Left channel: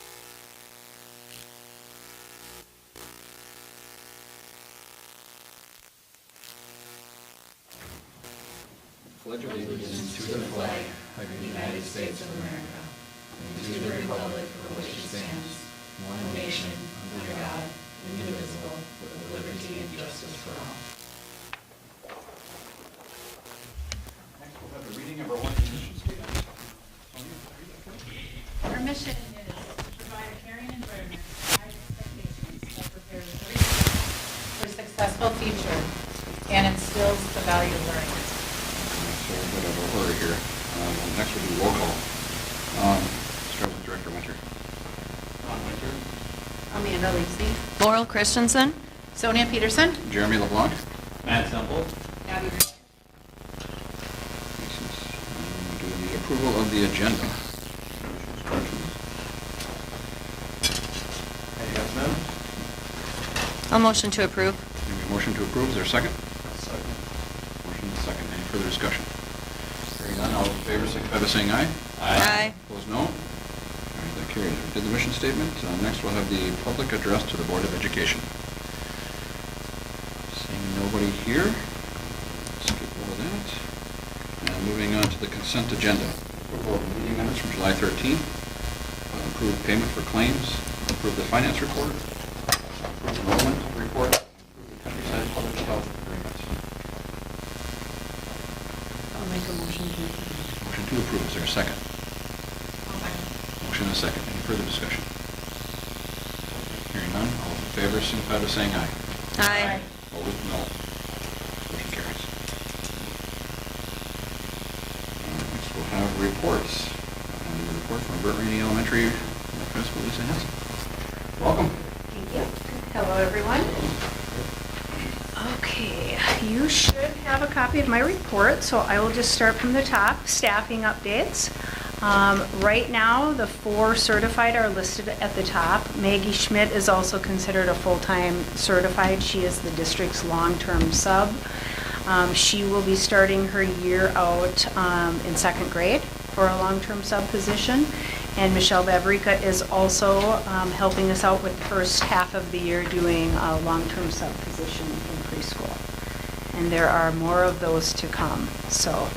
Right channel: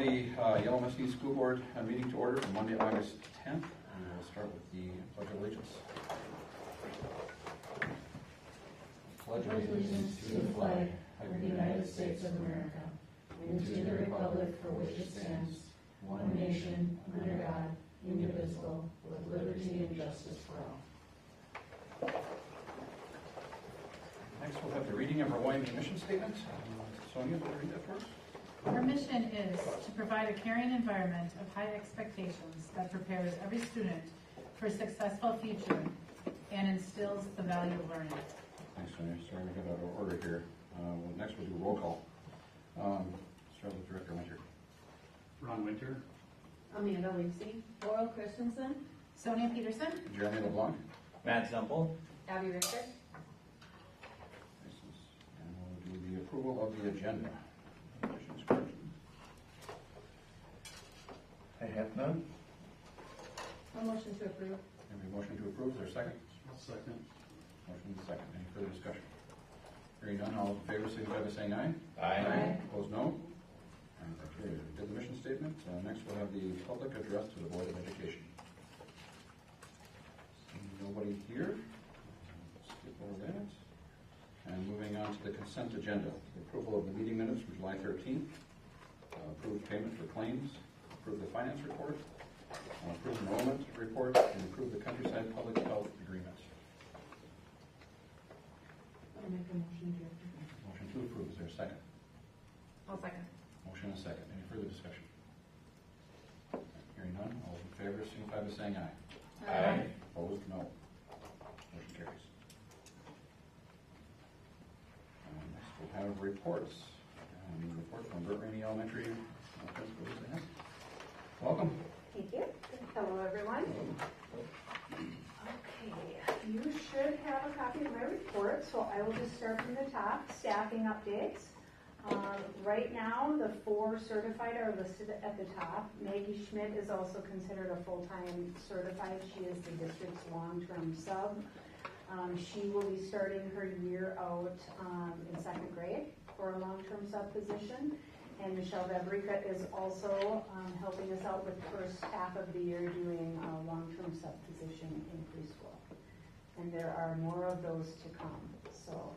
the Yellow Machine School Board meeting to order on Monday, August 10th. And we'll start with the Pledge of Allegiance. Pledge allegiance to the flag of the United States of America and to the republic for which it stands, one nation, under God, indivisible, with liberty and justice for all. Next, we'll have the reading of our Lions mission statement. Sonia, will you read that first? Our mission is to provide a caring environment with high expectations that prepares every student for a successful future and instills the value of learning. So a bit of a hurry here. Next we'll do roll call. Start with Director Winter. Ron Winter. Amanda Lacey. Laurel Christensen. Sonia Peterson. Jeremy LeBlanc. Matt Semple. Abby Richard. We'll do the approval of the agenda. Any yes, ma'am? I'll motion to approve. Maybe a motion to approve. Is there a second? Second. Motion and second. Any further discussion? Hearing none, all those in favor signify by saying aye. Aye. Opposed, no. All right, that carries. We did the mission statement. Next, we'll have the public address to the Board of Education. Seeing nobody here, skip over that. And moving on to the consent agenda. Approval of meeting minutes from July 13th. Approve payment for claims. Approve the finance report. Approve enrollment report. And approve the countryside public health agreements. I'll make a motion to approve. Motion to approve. Is there a second? Motion and a second. Any further discussion? Hearing none, all those in favor signify by saying aye. Aye. Opposed, no. Motion carries. Next, we'll have reports. The report from Burt Rainey Elementary Principal Lisa Hanson. Welcome. Thank you. Hello, everyone. Okay, you should have a copy of my report, so I will just start from the top. Staffing updates. Right now, the 4 certified are listed at the top. Maggie Schmidt is also considered a full-time certified. She is the district's long-term sub. She will be starting her year out in 2nd grade for a long-term sub position. And Michelle Babrica is also helping us out with the first half of the year doing a long-term sub position in preschool. And there are more of those to come. So,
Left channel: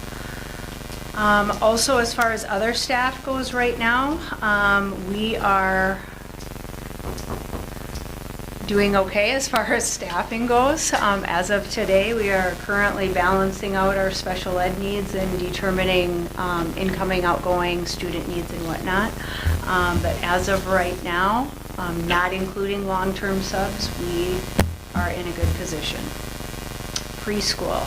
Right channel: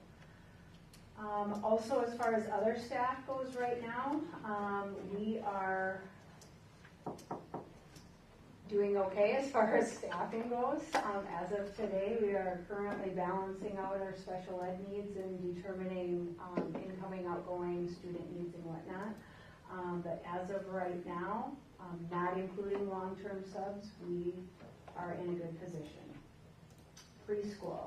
also as far as other staff goes right now, we are doing okay as far as staffing goes. As of today, we are currently balancing out our special ed needs and determining incoming, outgoing student needs and whatnot. But as of right now, not including long-term subs, we are in a good position. Preschool.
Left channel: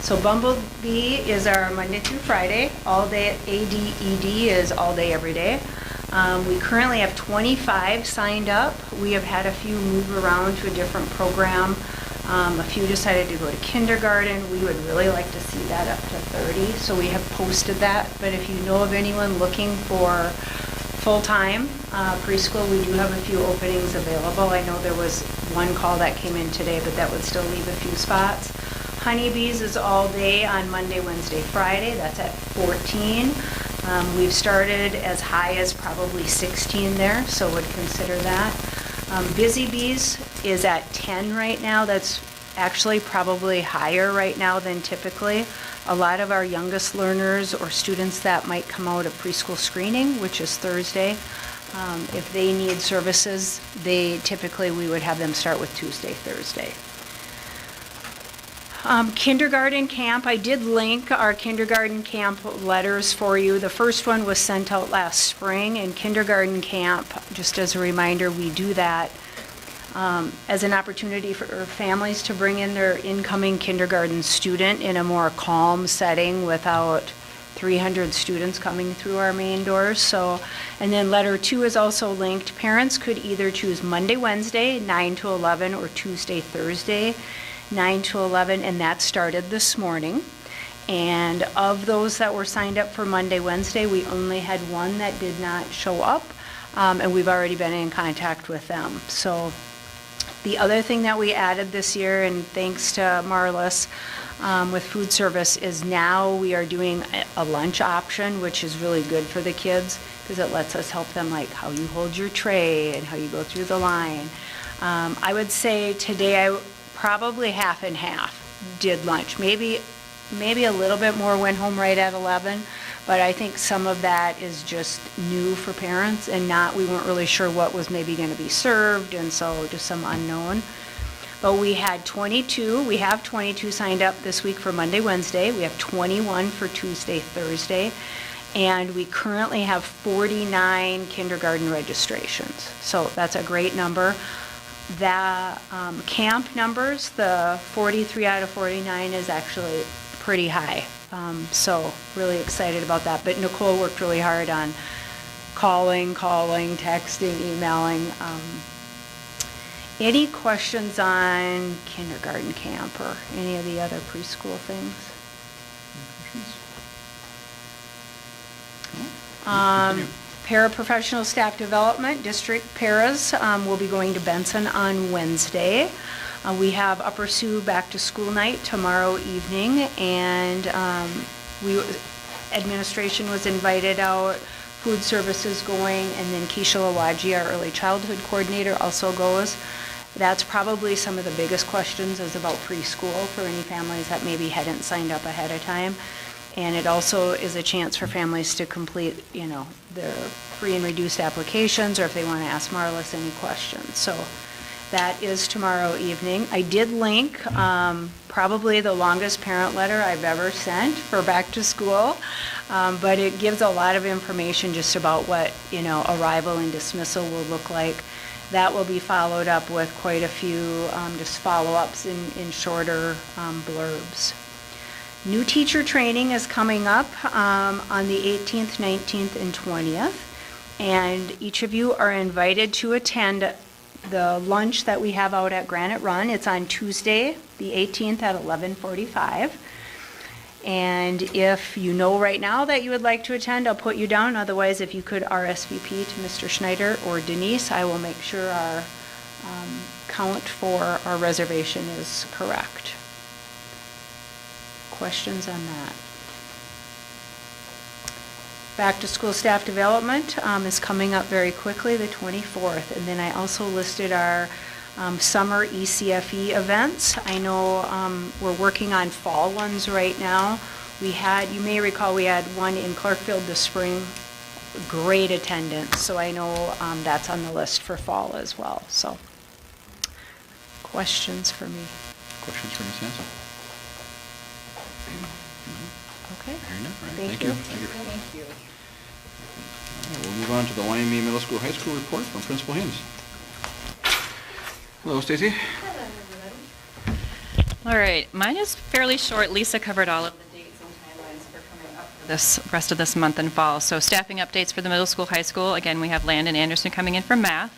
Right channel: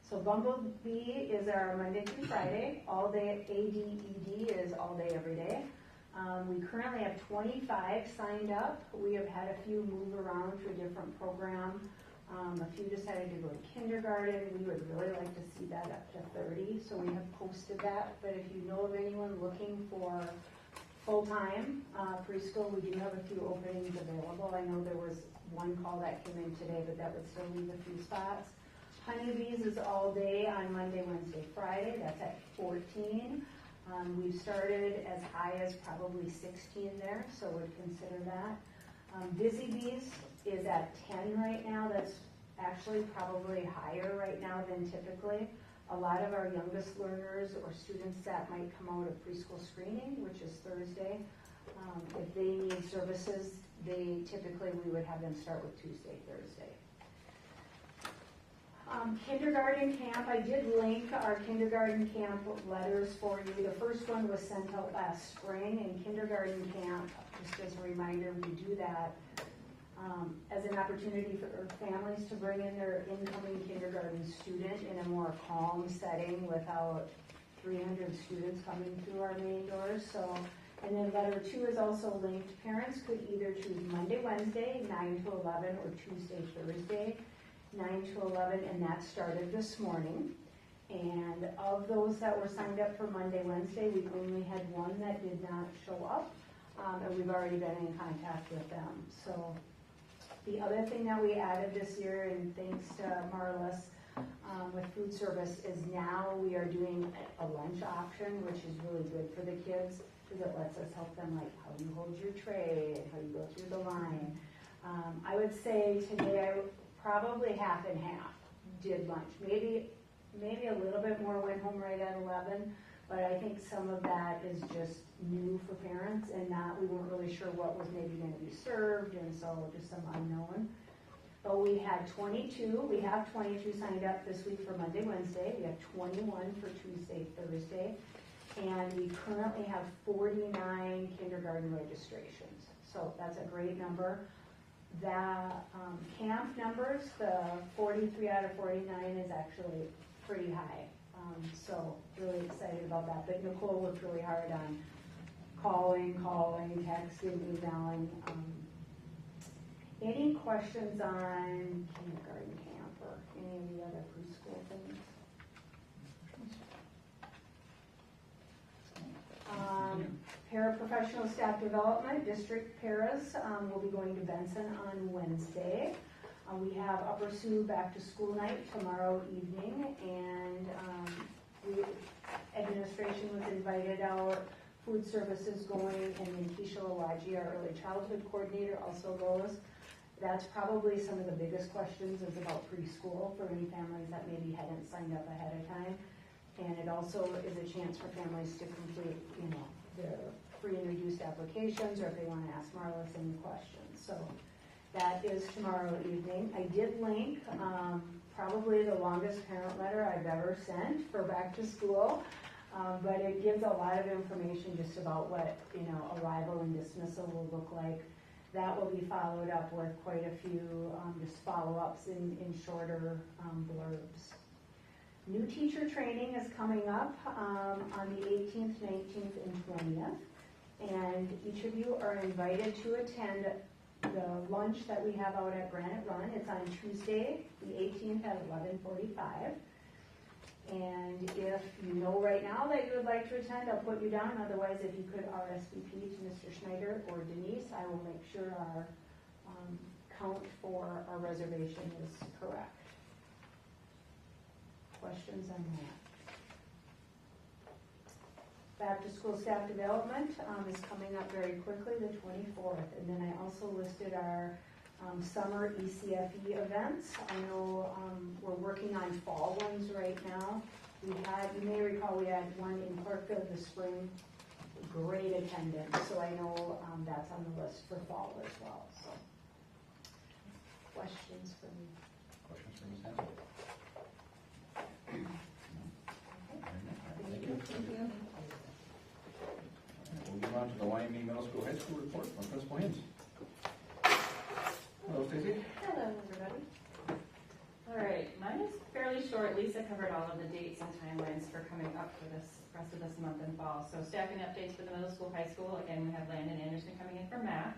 So Bumblebee is our Monday through Friday. All day ADED is all day, every day. We currently have 25 signed up. We have had a few move around to a different program. A few decided to go to kindergarten. We would really like to see that up to 30, so we have posted that. But if you know of anyone looking for full-time preschool, we do have a few openings available. I know there was one call that came in today, but that would still leave a few spots. Honeybees is all day on Monday, Wednesday, Friday. That's at 14. We've started as high as probably 16 there, so would consider that. Busy Bees is at 10 right now. That's actually probably higher right now than typically. A lot of our youngest learners or students that might come out of preschool screening, which is Thursday, if they need services, we would have them start with Tuesday, Thursday. Kindergarten camp, I did link our kindergarten camp letters for you. The first one was sent out last spring, and kindergarten camp, just as a reminder, we do that as an opportunity for families to bring in their incoming kindergarten student in a more calm setting without 300 students coming through our main doors. So, and then letter 2 is also linked. Parents could either choose Monday, Wednesday, 9 to 11, or Tuesday, Thursday, 9 to 11, and that started this morning. And of those that were signed up for Monday, Wednesday, we only had one that did not show up, and we've already been in contact with them. So The other thing that we added this year, and thanks to Marlis with food service, is now we are doing a lunch option, which is really good for the kids because it lets us help them, like how you hold your tray and how you go through the line. I would say today I probably half and half did lunch. Maybe a little bit more went home right at 11, but I think some of that is just new for parents and we weren't really sure what was maybe going to be served, and so just some unknown. But we have 22 signed up this week for Monday, Wednesday. We have 21 for Tuesday, Thursday, and we currently have 49 kindergarten registrations. So that's a great number. The camp numbers, the 43 out of 49 is actually pretty high. So really excited about that. But Nicole worked really hard on calling, texting, emailing. Any questions on kindergarten camp or any of the other preschool things? Paraprofessional staff development, district paras will be going to Benson on Wednesday. We have Upper Sioux back to school night tomorrow evening, and administration was invited out, food services going, and then Keisha Lawaji, our early childhood coordinator, also goes. That's probably some of the biggest questions is about preschool for any families that maybe hadn't signed up ahead of time. And it also is a chance for families to complete, their free and reduced applications, or if they want to ask Marlis any questions. So that is tomorrow evening. I did link probably the longest parent letter I've ever sent for back to school, but it gives a lot of information just about what, arrival and dismissal will look like. That will be followed up with quite a few just follow-ups in shorter blurbs. New teacher training is coming up on the 18th, 19th, and 20th, and each of you are invited to attend the lunch that we have out at Granite Run. It's on Tuesday, the 18th at 11:45. And if you know right now that you would like to attend, I'll put you down. Otherwise, if you could RSVP to Mr. Schneider or Denise, I will make sure our count for our reservation is correct. Questions on that? Back to school staff development is coming up very quickly, the 24th. And then I also listed our summer ECFE events. I know we're working on fall ones right now. You may recall we had one in Clarkfield this spring, great attendance. So I know that's on the list for fall as well. So questions for me? Questions for Ms. Hanson? Okay. Hearing none, all right, Thank thank you. you. Thank you. All right, we'll move on to the Wyoming Middle School High School report from Principal Haynes. Hello, Stacy. All right, mine is fairly short. Lisa covered all of the dates and timelines for coming up for this rest of this month and fall. So staffing updates for the middle school, high school. Again, we have Landon Anderson coming in for math.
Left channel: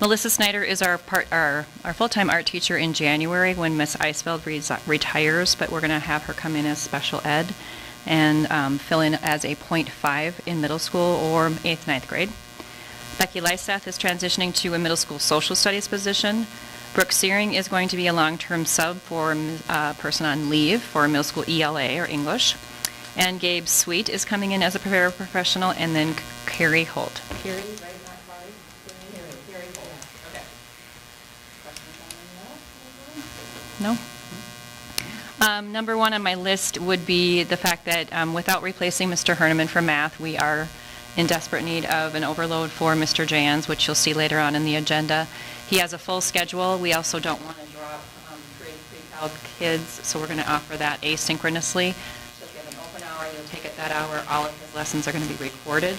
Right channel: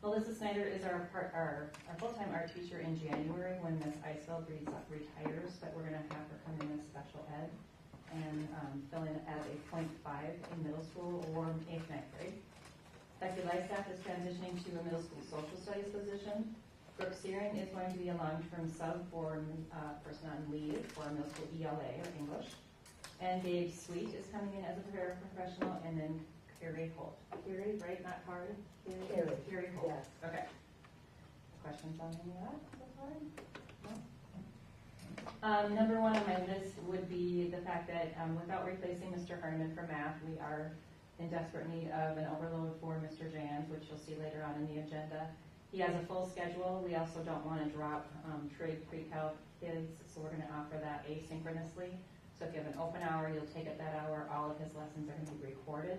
Melissa Snyder is our full-time art teacher in January when Miss Eisfeld retires, but we're going to have her come in as special ed and fill in as a .5 in middle school or 8th, 9th grade. Becky Lyseth is transitioning to a middle school social studies position. Brooke Searing is going to be a long-term sub for a person on leave for middle school ELA or English. And Gabe Sweet is coming in as a paraprofessional, and then Carrie Holt. Carrie, right, not Carrie? Carrie Holt. Okay. Questions on that? No? Number one on my list would be the fact that without replacing Mr. Herneman for math, we are in desperate need of an overload for Mr. Jans, which you'll see later on in the agenda. He has a full schedule. We also don't want to drop pre-cal kids, so we're going to offer that asynchronously. So if you have an open hour, you'll take it that hour. All of his lessons are going to be recorded.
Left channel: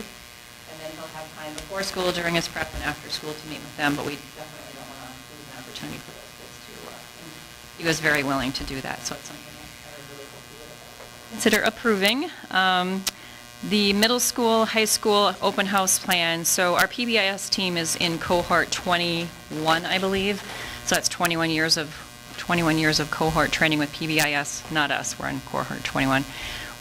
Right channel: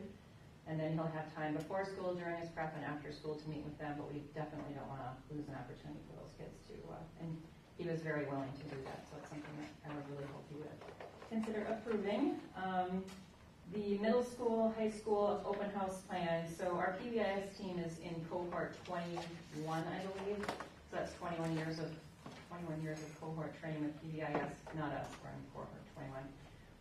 And then he'll have time before school, during his prep, and after school to meet with them, but we definitely don't want to lose an opportunity for those kids to, and he was very willing to do that, so it's something I would really hope you would consider approving. The middle school, high school open house plan. So our PBIS team is in cohort 21, I believe. So that's 21 years of cohort training with PBIS, not us. We're in cohort 21.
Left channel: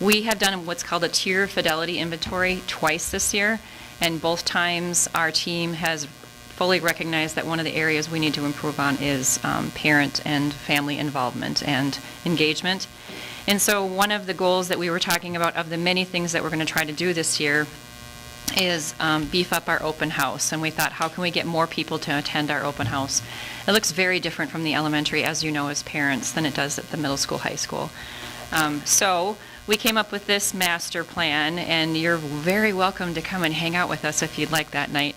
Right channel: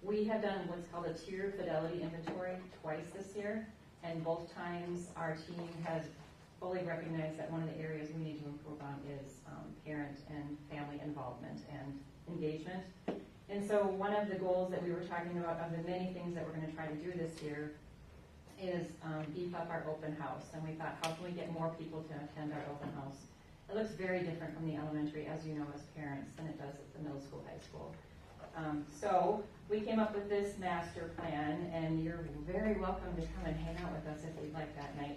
We have done what's called a tier fidelity inventory twice this year, and both times our team has fully recognize that one of the areas we need to improve on is parent and family involvement and engagement. And so one of the goals that we were talking about, of the many things that we're going to try to do this year, is beef up our open house. And we thought, how can we get more people to attend our open house? It looks very different from the elementary, as you know, as parents, than it does at the middle school, high school. So we came up with this master plan, and you're very welcome to come and hang out with us if you'd like that night.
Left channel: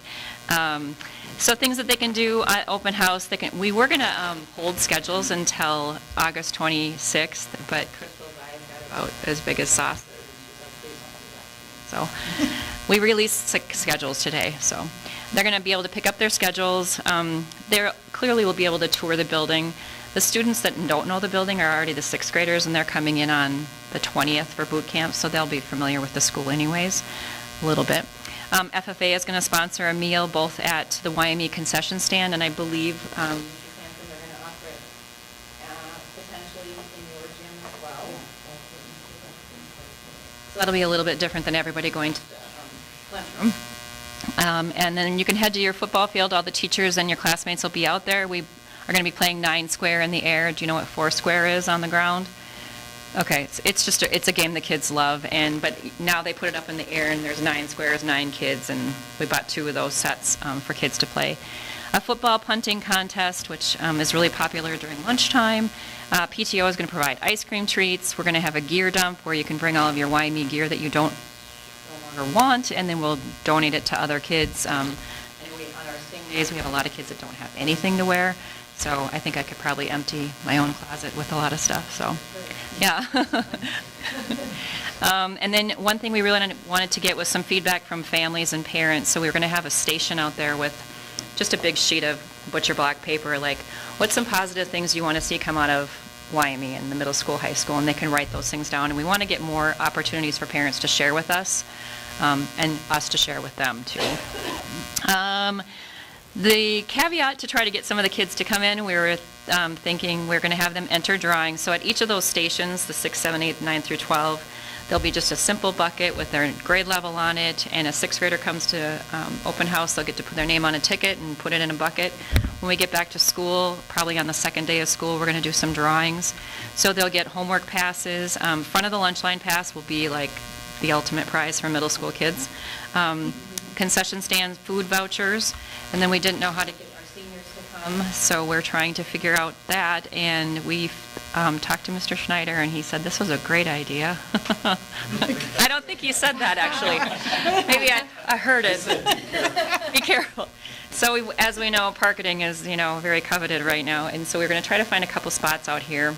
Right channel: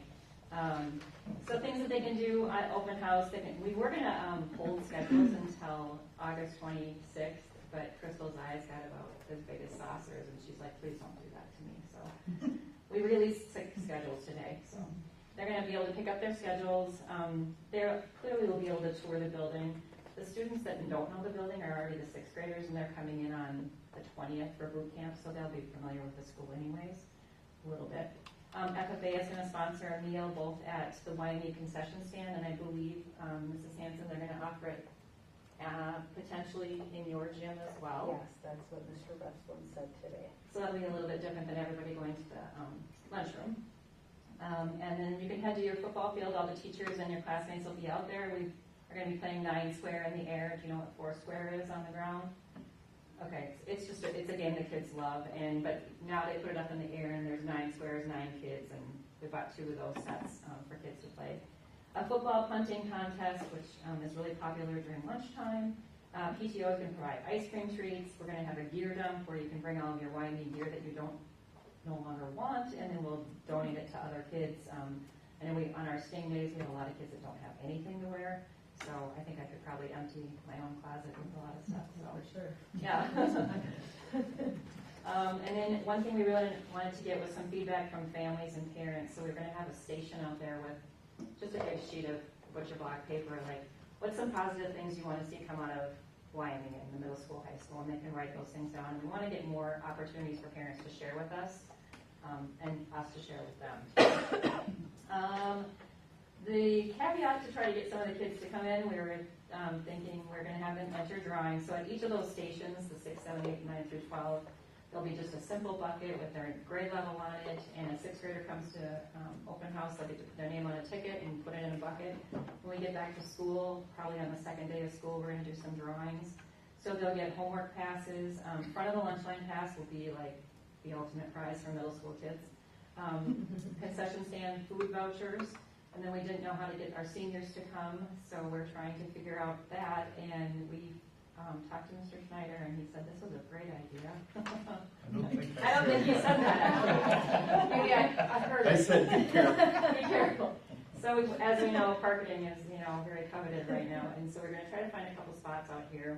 So things that they can do at open house, we were going to hold schedules until August 26th, but Crystal got about as big as sausage, and she's like, please don't do that to me. So we released 6 schedules today, so they're going to be able to pick up their schedules. They clearly will be able to tour the building. The students that don't know the building are already the 6th graders, and they're coming in on the 20th for boot camp, so they'll be familiar with the school anyways, a little bit. FFA is going to sponsor a meal both at the YME concession stand, and I believe Mr. Sampson, they're going to offer it potentially in your gym as well. So that'll be a little bit different than everybody going to the lunchroom. And then you can head to your football field. All the teachers and your classmates will be out there. We are going to be playing 9 square in the air. Do you know what 4 square is on the ground? Okay, it's a game the kids love, but now they put it up in the air, and there's 9 squares, 9 kids, and we bought 2 of those sets for kids to play. A football punting contest, which is really popular during lunchtime. PTO is going to provide ice cream treats. We're going to have a gear dump where you can bring all of your YME gear that you don't no longer want, and then we'll donate it to other kids. And on our sing days, we have a lot of kids that don't have anything to wear, so I think I could probably empty my own closet with a lot of stuff, so. Yeah. And then one thing we really wanted to get was some feedback from families and parents. So we were going to have a station out there with just a big sheet of butcher block paper, like, what's some positive things you want to see come out of YME in the middle school, high school, and they can write those things down. And we want to get more opportunities for parents to share with us, and us to share with them, too. The caveat to try to get some of the kids to come in, we were thinking we're going to have them enter drawings. So at each of those stations, the 6, 7, 8, 9 through 12, there'll be just a simple bucket with their grade level on it, and a 6th grader comes to open house, they'll get to put their name on a ticket and put it in a bucket. When we get back to school, probably on the 2nd day of school, we're going to do some drawings. So they'll get homework passes. Front of the lunch line pass will be like the ultimate prize for middle school kids. Concession stands, food vouchers, and then we didn't know how to get our seniors to come, so we're trying to figure out that, and we talked to Mr. Schneider, and he said this was a great idea. I don't think he said that, actually. Maybe I heard it. Be careful. So as we know, parking is, very coveted right now, and so we're going to try to find a couple spots out here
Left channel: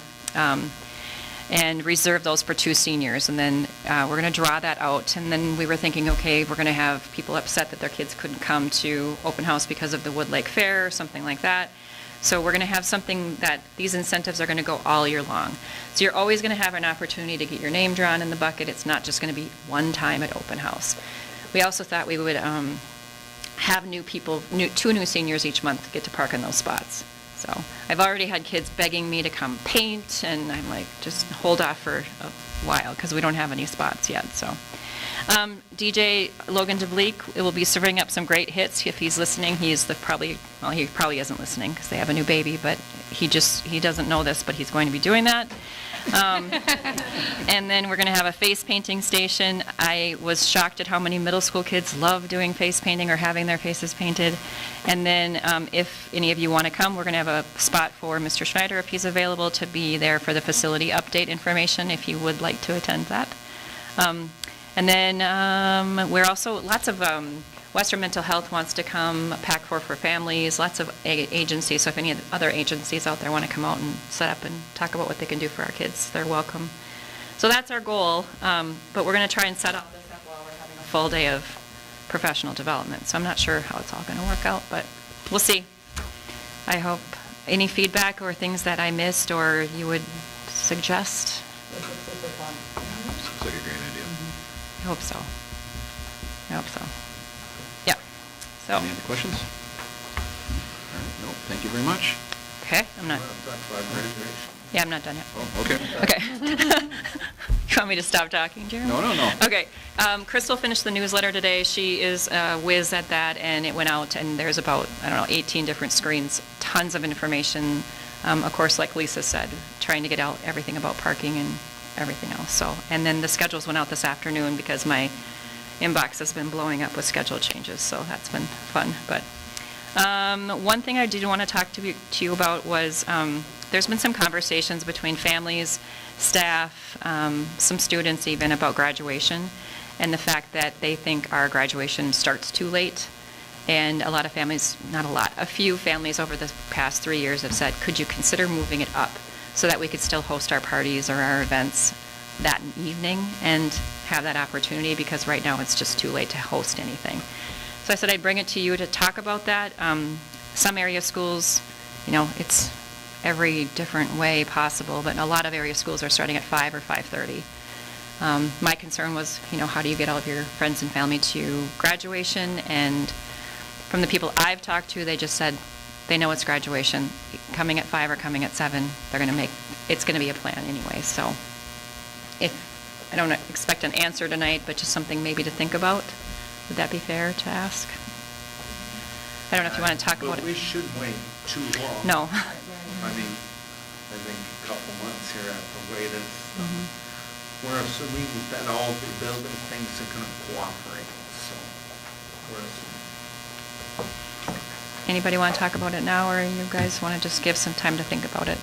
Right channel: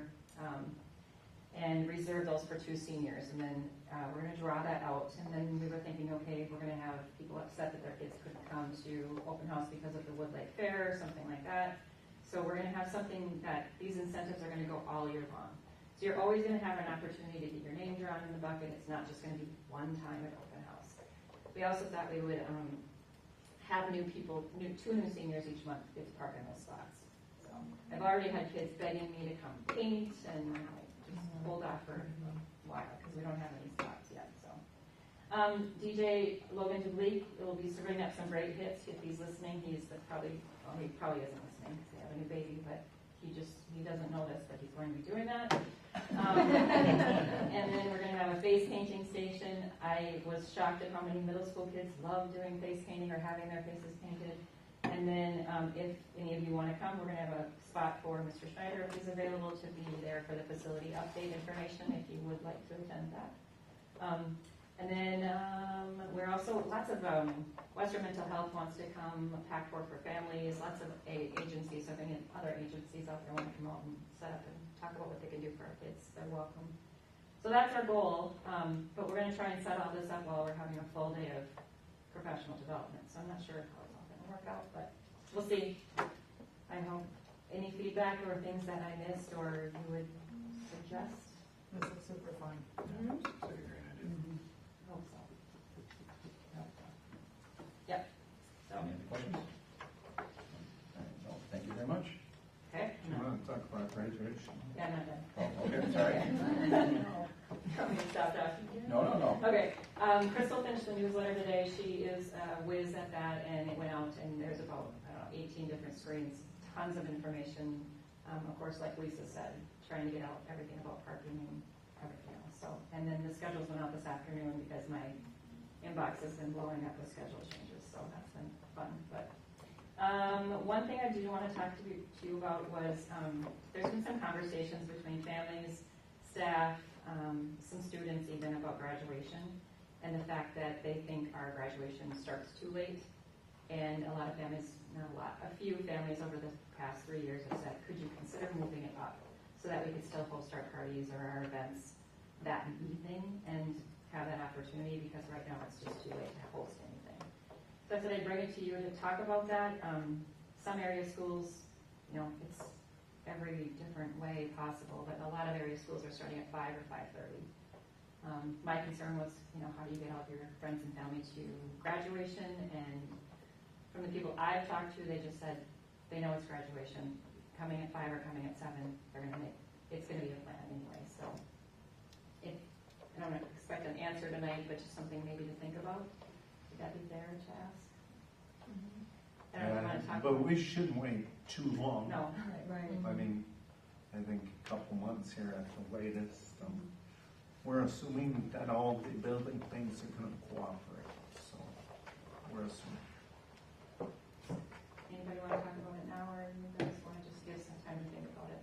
and reserve those for 2 seniors, and then we're going to draw that out. And then we were thinking, okay, we're going to have people upset that their kids couldn't come to open house because of the Wood Lake Fair or something like that. So we're going to have something that these incentives are going to go all year long. So you're always going to have an opportunity to get your name drawn in the bucket. It's not just going to be one time at open house. We also thought we would have 2 new seniors each month get to park in those spots. So I've already had kids begging me to come paint, and I'm like, just hold off for a while because we don't have any spots yet. So DJ Logan DeBleek will be serving up some great hits. If he's listening, he probably isn't listening because they have a new baby, but he doesn't know this, but he's going to be doing that. And then we're going to have a face painting station. I was shocked at how many middle school kids love doing face painting or having their faces painted. And then if any of you want to come, we're going to have a spot for Mr. Schneider, if he's available, to be there for the facility update information if you would like to attend that. And then we're also, lots of Western Mental Health wants to come, PAC4 for families, lots of agencies. So if any other agencies out there want to come out and set up and talk about what they can do for our kids, they're welcome. So that's our goal, but we're going to try and set all this up while we're having a full day of professional development. So I'm not sure how it's all going to work out, but we'll see. I hope any feedback or things that I missed or you would suggest. Sounds like a great idea. I hope so. Yeah. So. Any other questions? All right, no, thank you very much. Okay, I'm not. Yeah, I'm not done yet. Oh, okay. Okay. You want me to stop talking, Jeremy? No. Okay. Crystal finished the newsletter today. She is a whiz at that, and it went out, and there's about, 18 different screens, tons of information. Of course, like Lisa said, trying to get out everything about parking and everything else. So, and then the schedules went out this afternoon because my inbox has been blowing up with schedule changes, so that's been fun. But one thing I did want to talk to you about was there's been some conversations between families, staff, some students even about graduation, and the fact that they think our graduation starts too late. And a lot of families, not a lot, a few families over the past 3 years have said, could you consider moving it up so that we could still host our parties or our events that evening and have that opportunity, because right now it's just too late to host anything. So I said I'd bring it to you to talk about that. Some area schools, it's every different way possible, but a lot of area schools are starting at 5 or 5:30. My concern was, how do you get all of your friends and family to graduation? And from the people I've talked to, they just said they know it's graduation. Coming at 5 or coming at 7, it's going to be a plan anyway. So I don't expect an answer tonight, but just something maybe to think about. Would that be fair to ask? I don't know if you want to talk about it. But we shouldn't wait too long. No. I think a couple months here at the latest. Mhm. We're assuming that all the building things are gonna cooperate, so we're assuming. Anybody want to talk about it now, or you guys want to just give some time to think about it?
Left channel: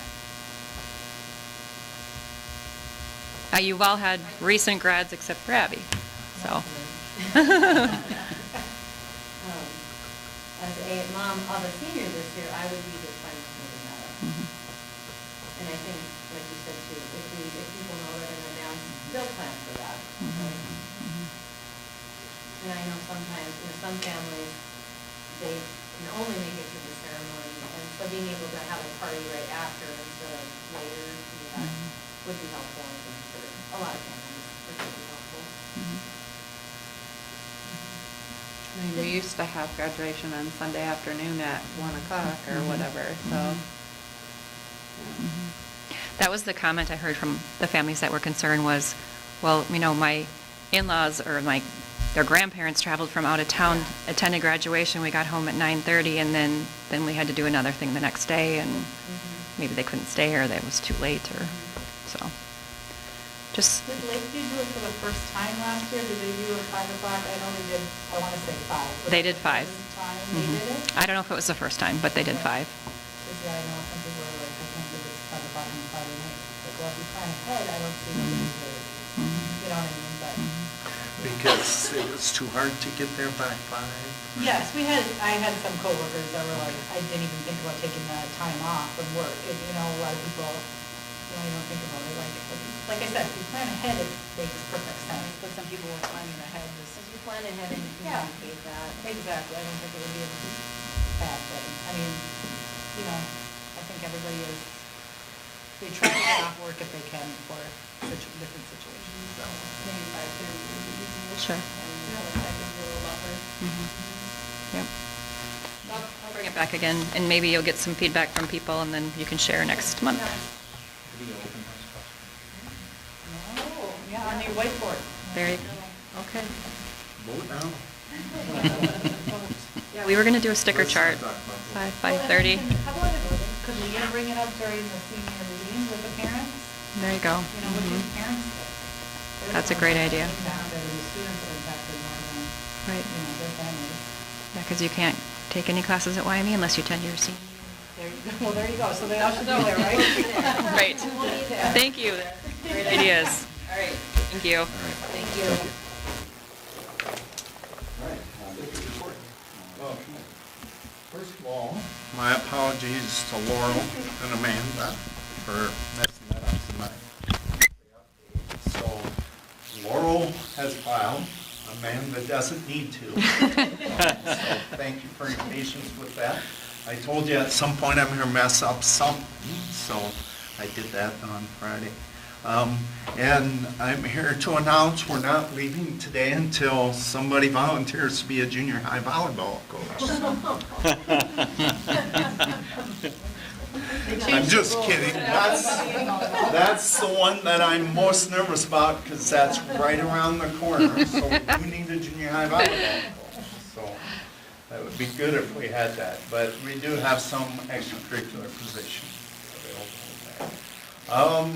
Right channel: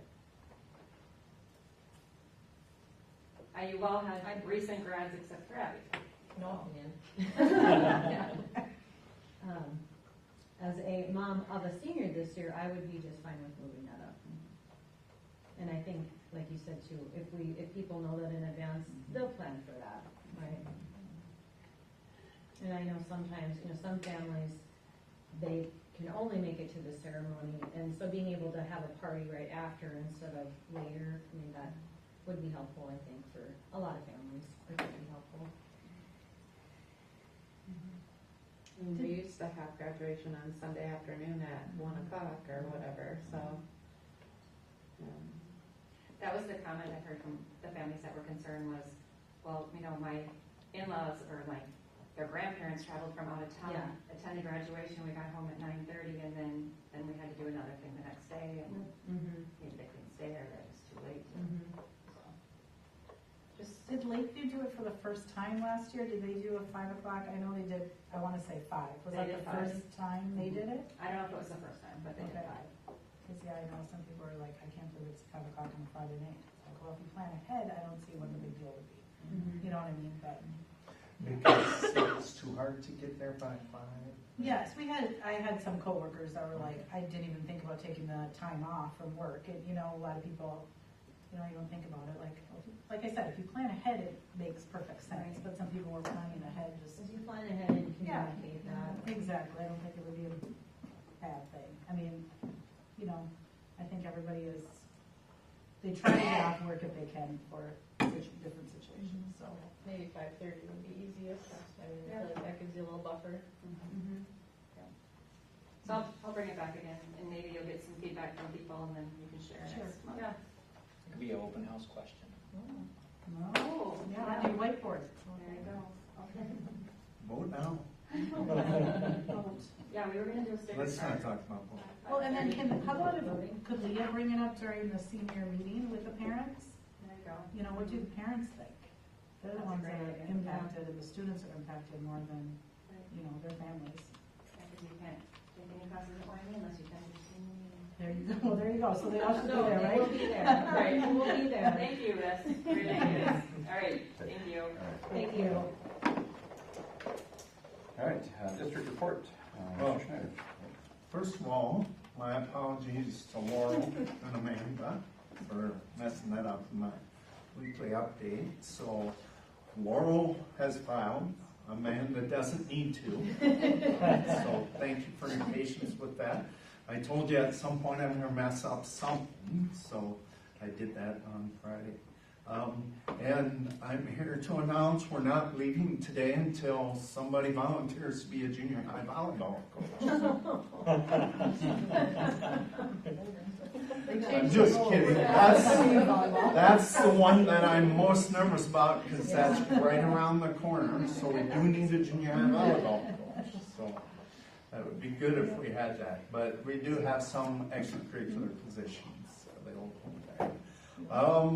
You've all had recent grads except for Abby, so. As a mom of a senior this year, I would be just fine with moving that up. Mhm. And I think, like you said too, if people know that in advance, they'll plan for that. Mhm. Right? Mhm. And I know sometimes, some families, they can only make it to the ceremony, and so being able to have a party right after instead of later, that would be helpful, I think, for a lot of families, it would be helpful. Mhm. I mean, we used to have graduation on Sunday afternoon at 1 o'clock or whatever, so. yeah. That was the comment I heard from the families that were concerned was, well, my in-laws or their grandparents traveled from out of town, attended graduation, we got home at 9:30, and then we had to do another thing the next day, and maybe they couldn't stay, or it was too late, or, so. Just, Did Lakeview do it for the first time last year? Did they do a 5 o'clock? I know they did, I want to say 5. Was They that did the 5. first time they did it? I don't know if it was the first time, but they did 5. Because I know some people were like, I can't do this 5 o'clock on Friday night. Like, well, if you plan ahead, I don't see what it's really. You know what I mean? But, Because it was too hard to get there by 5. yes, I had some coworkers that were like, I didn't even think about taking the time off from work. And, a lot of people, you don't think about it. Like I said, if you plan ahead, it makes perfect sense. But some people were planning ahead just. If you plan ahead and you Yeah. communicate that. Exactly, I don't think it would be a bad thing. I mean, I think everybody they try to get off work if they can for different situations, so. Maybe 5:30 would be easier. Sure. And, that gives you a little buffer. Yep. I'll bring it back again, and maybe you'll get some feedback from people, and then you can share next month. Oh, yeah, on your whiteboard. There you go. Okay. Vote now. Yeah, we were going to do a sticker chart, Well, 5:30. How about it, could we bring it up during the senior meeting with the parents? There you go. What do Mhm. the parents think? That's a great idea. Impacted, and the students are impacted more than, Right. their families. Yeah, because you can't take any classes at YME unless you attend your senior. There you go, well, there you go, so they all should know there, right? Right. We'll need that. Thank you. Great ideas. All right. Thank you. Thank you. All right, district report. Well, first of all, my apologies to Laurel and Amanda for messing that up in my weekly update. So Laurel has filed, Amanda doesn't need to. So thank you for your patience with that. I told you at some point I'm gonna mess up something, so I did that on Friday. And I'm here to announce we're not leaving today until somebody volunteers to be a junior high volleyball coach. I'm just kidding. That's the one that I'm most nervous about because that's right around the corner. So we do need a junior high volleyball coach. So that would be good if we had that. But we do have some extracurricular positions available.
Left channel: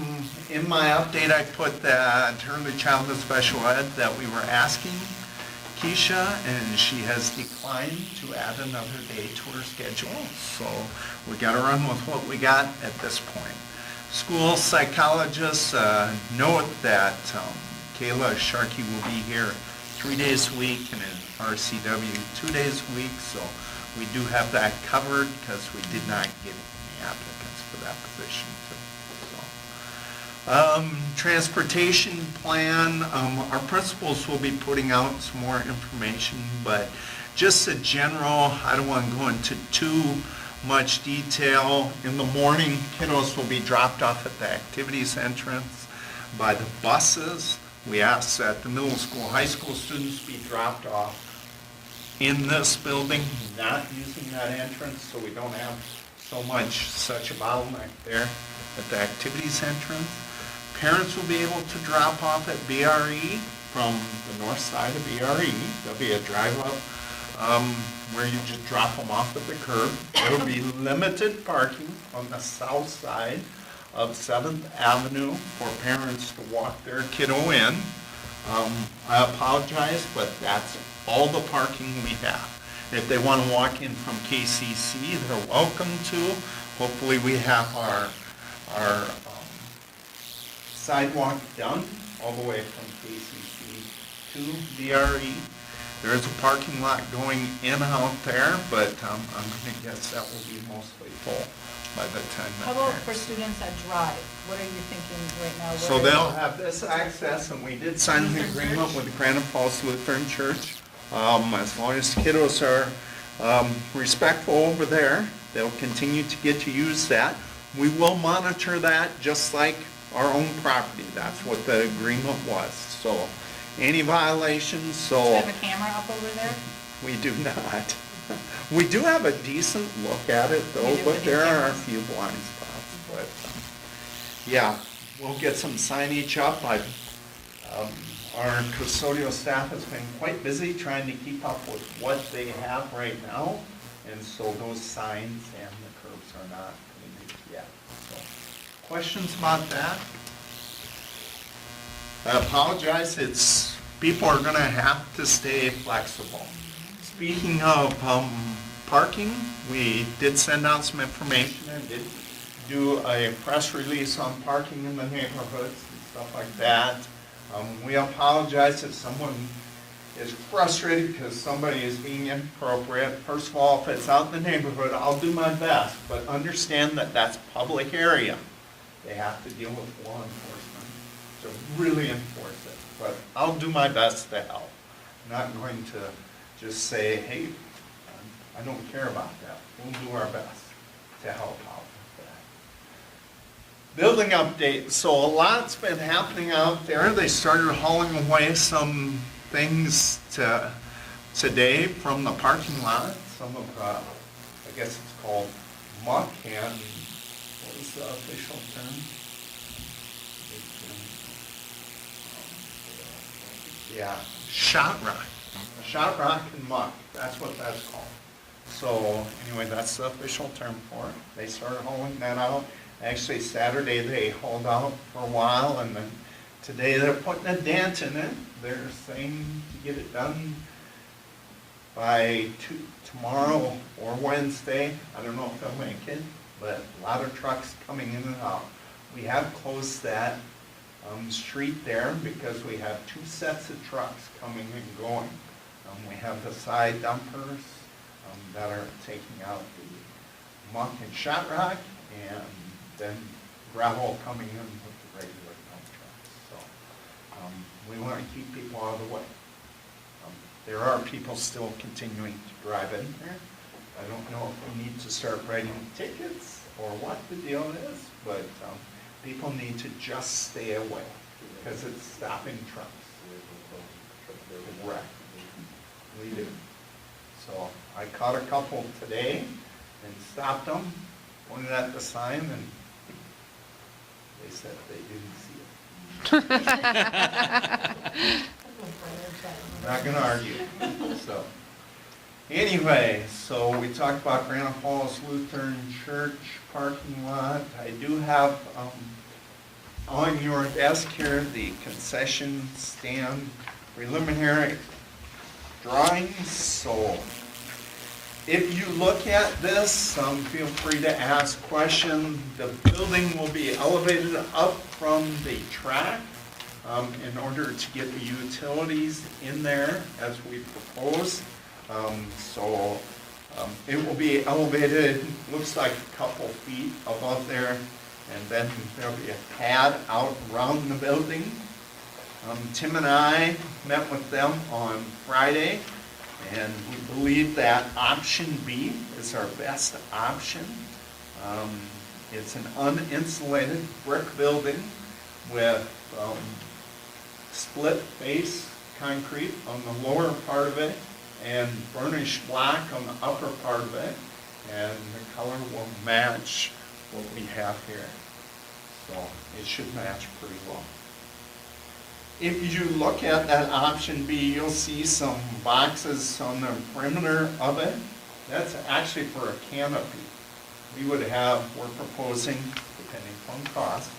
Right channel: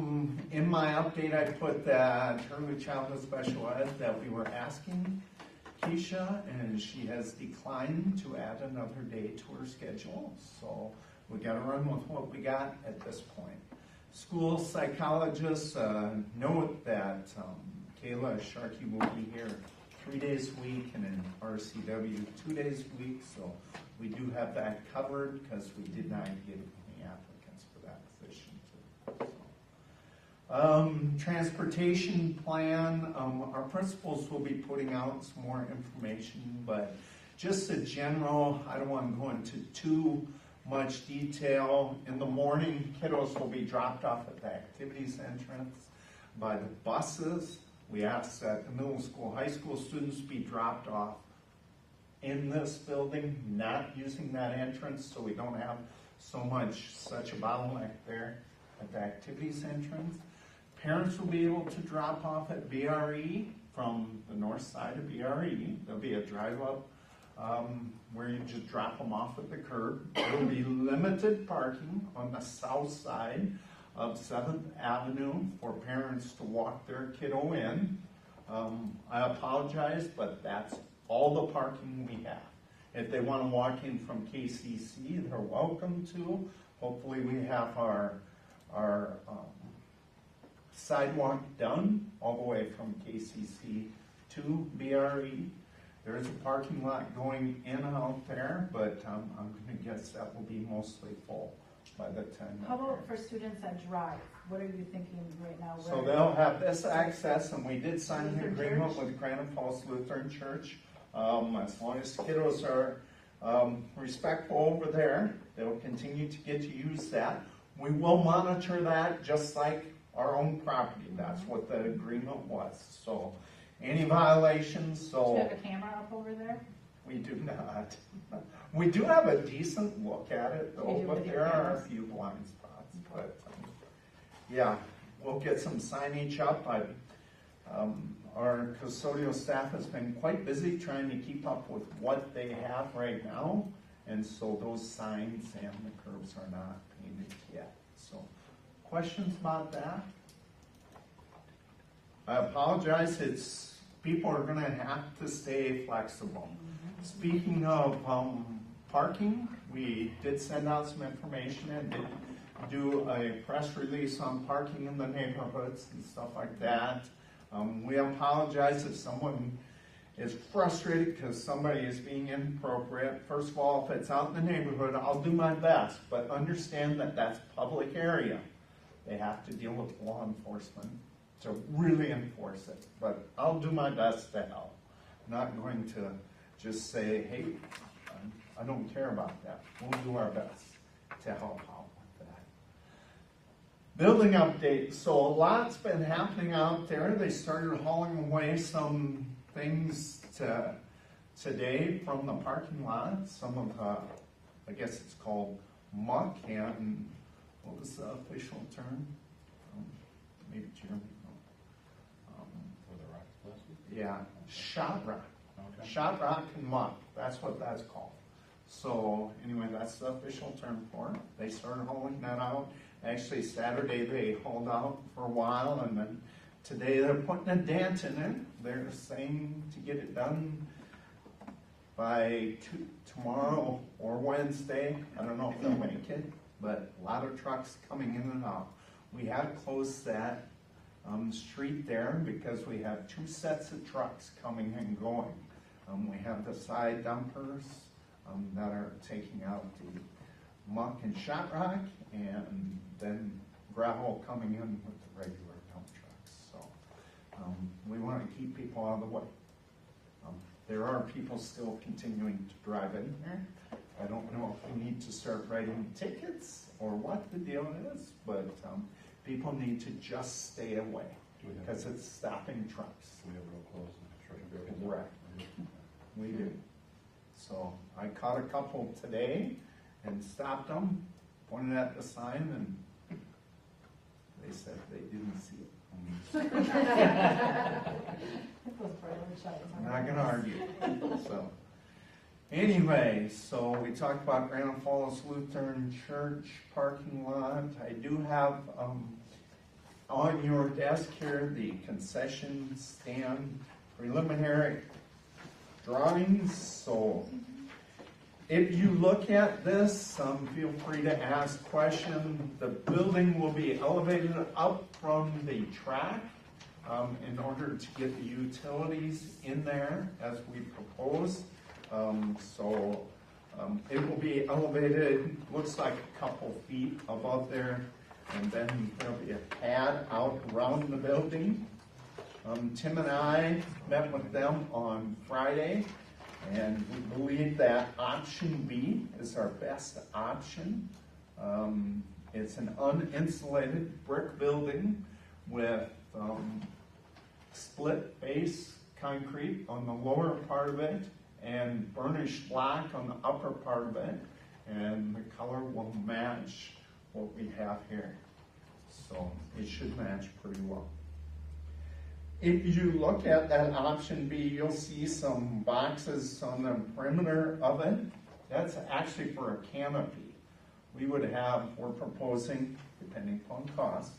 In my update, I put that early childhood special ed that we were asking Keisha, and she has declined to add another day to her schedule. So we got to run with what we got at this point. School psychologists note that Kayla Sharkey will be here 3 days a week and in RCW 2 days a week. So we do have that covered because we did not get any applicants for that position. Transportation plan, our principals will be putting out some more information, but just a general, I don't want to go into too much detail. In the morning, kiddos will be dropped off at the activities entrance by the buses. We ask that the middle school, high school students be dropped off in this building, not using that entrance, so we don't have such a bottleneck there at the activities entrance. Parents will be able to drop off at BRE from the north side of BRE. There'll be a drive-up where you just drop them off at the curb. There'll be limited parking on the south side of 7th Avenue for parents to walk their kiddo in. I apologize, but that's all the parking we have. If they want to walk in from KCC, they're welcome to. Hopefully we have our sidewalk done all the way from KCC to BRE. There is a parking lot going in out there, but I'm going to guess that will be mostly full by the time that. How about for students that drive? What are you thinking right now? So they'll have this access, and we did sign an agreement with Granite Falls Lutheran Church. As long as kiddos are respectful over there, they'll continue to get to use that. We will monitor that just like our own property. That's what the agreement was. So any violations, Do you have a camera up over there? we do not. We do have a decent look at it though, You do but with the there are a cameras. few blind spots. But yeah, we'll get some signage up. Our custodial staff has been quite busy trying to keep up with what they have right now. And so those signs and the curbs are not completed yet. So, questions about that? I apologize, people are gonna have to stay flexible. Speaking of parking, we did send out some information and did do a press release on parking in the neighborhoods and stuff like that. We apologize if someone is frustrated because somebody is being inappropriate. First of all, if it's out in the neighborhood, I'll do my best, but understand that that's public area. They have to deal with law enforcement to really enforce it, but I'll do my best to help. I'm not going to just say, hey, I don't care about that. We'll do our best to help out with that. Building update, so a lot's been happening out there. They started hauling away some things today from the parking lot. Some of, I guess it's called muck and, what was the official term? Yeah, shot rock. Shot rock and muck, that's what that's called. So anyway, that's the official term for it. They started hauling that out. Actually, Saturday they hauled out for a while, and then today they're putting a dent in it. They're saying to get it done by tomorrow or Wednesday. I don't know if they'll make it, but a lot of trucks coming in and out. We have closed that street there because we have 2 sets of trucks coming and going. We have the side dumpers that are taking out the muck and shot rock, and then gravel coming in with the regular dump trucks. So we want to keep people out of the way. There are people still continuing to drive in there. I don't know if we need to start writing tickets or what the deal is, but people need to just stay away because it's stopping trucks. Correct. We do. So I caught a couple today and stopped them. pointed at the sign and they said they didn't see it. I'm not gonna argue, so. Anyway, so we talked about Granite Falls Lutheran Church parking lot. I do have, on your desk here, the concession stand preliminary drawings, so if you look at this, feel free to ask questions. The building will be elevated up from the track in order to get the utilities in there as we propose. It will be elevated, looks like a couple feet above there, and then there'll be a pad out around the building. Tim and I met with them on Friday, and we believe that option B is our best option. It's an uninsulated brick building with split face concrete on the lower part of it and burnished black on the upper part of it, and the color will match what we have here. So it should match pretty well. If you look at that option B, you'll see some boxes on the perimeter of it. That's actually for a canopy. We would have, we're proposing, depending on cost,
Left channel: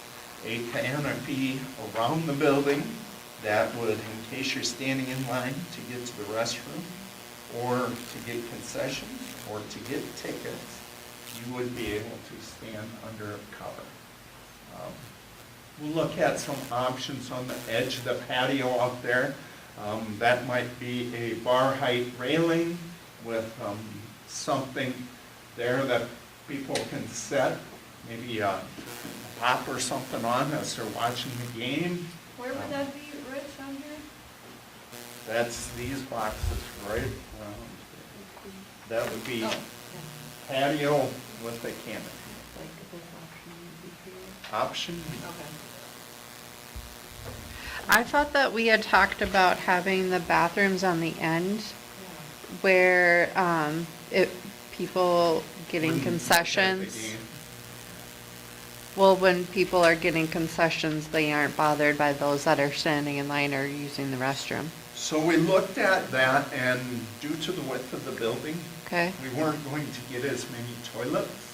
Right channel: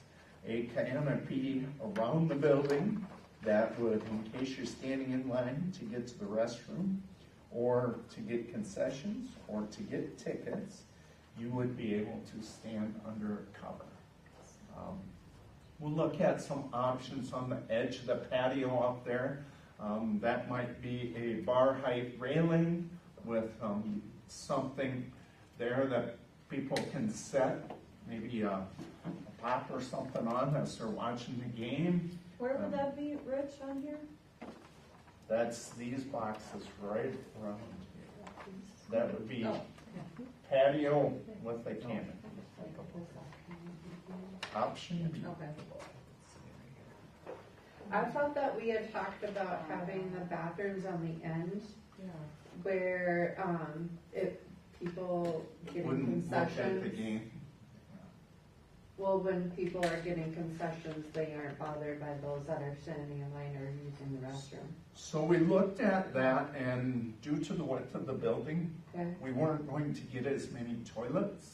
a canopy around the building that would, in case you're standing in line to get to the restroom, or to get concessions, or to get tickets, you would be able to stand under cover. We'll look at some options on the edge of the patio up there. That might be a bar height railing with something there that people can set, maybe a top or something on as they're watching the game. Where would that be, Rich, on here? That's these boxes right around. That would be patio with a canopy. Option. I thought that we had talked about having the bathrooms on the end where, people getting concessions. Well, when people are getting concessions, they aren't bothered by those that are standing in line or using the restroom. So we looked at that, and due to the width of the building, Okay, we weren't going to get as many toilets.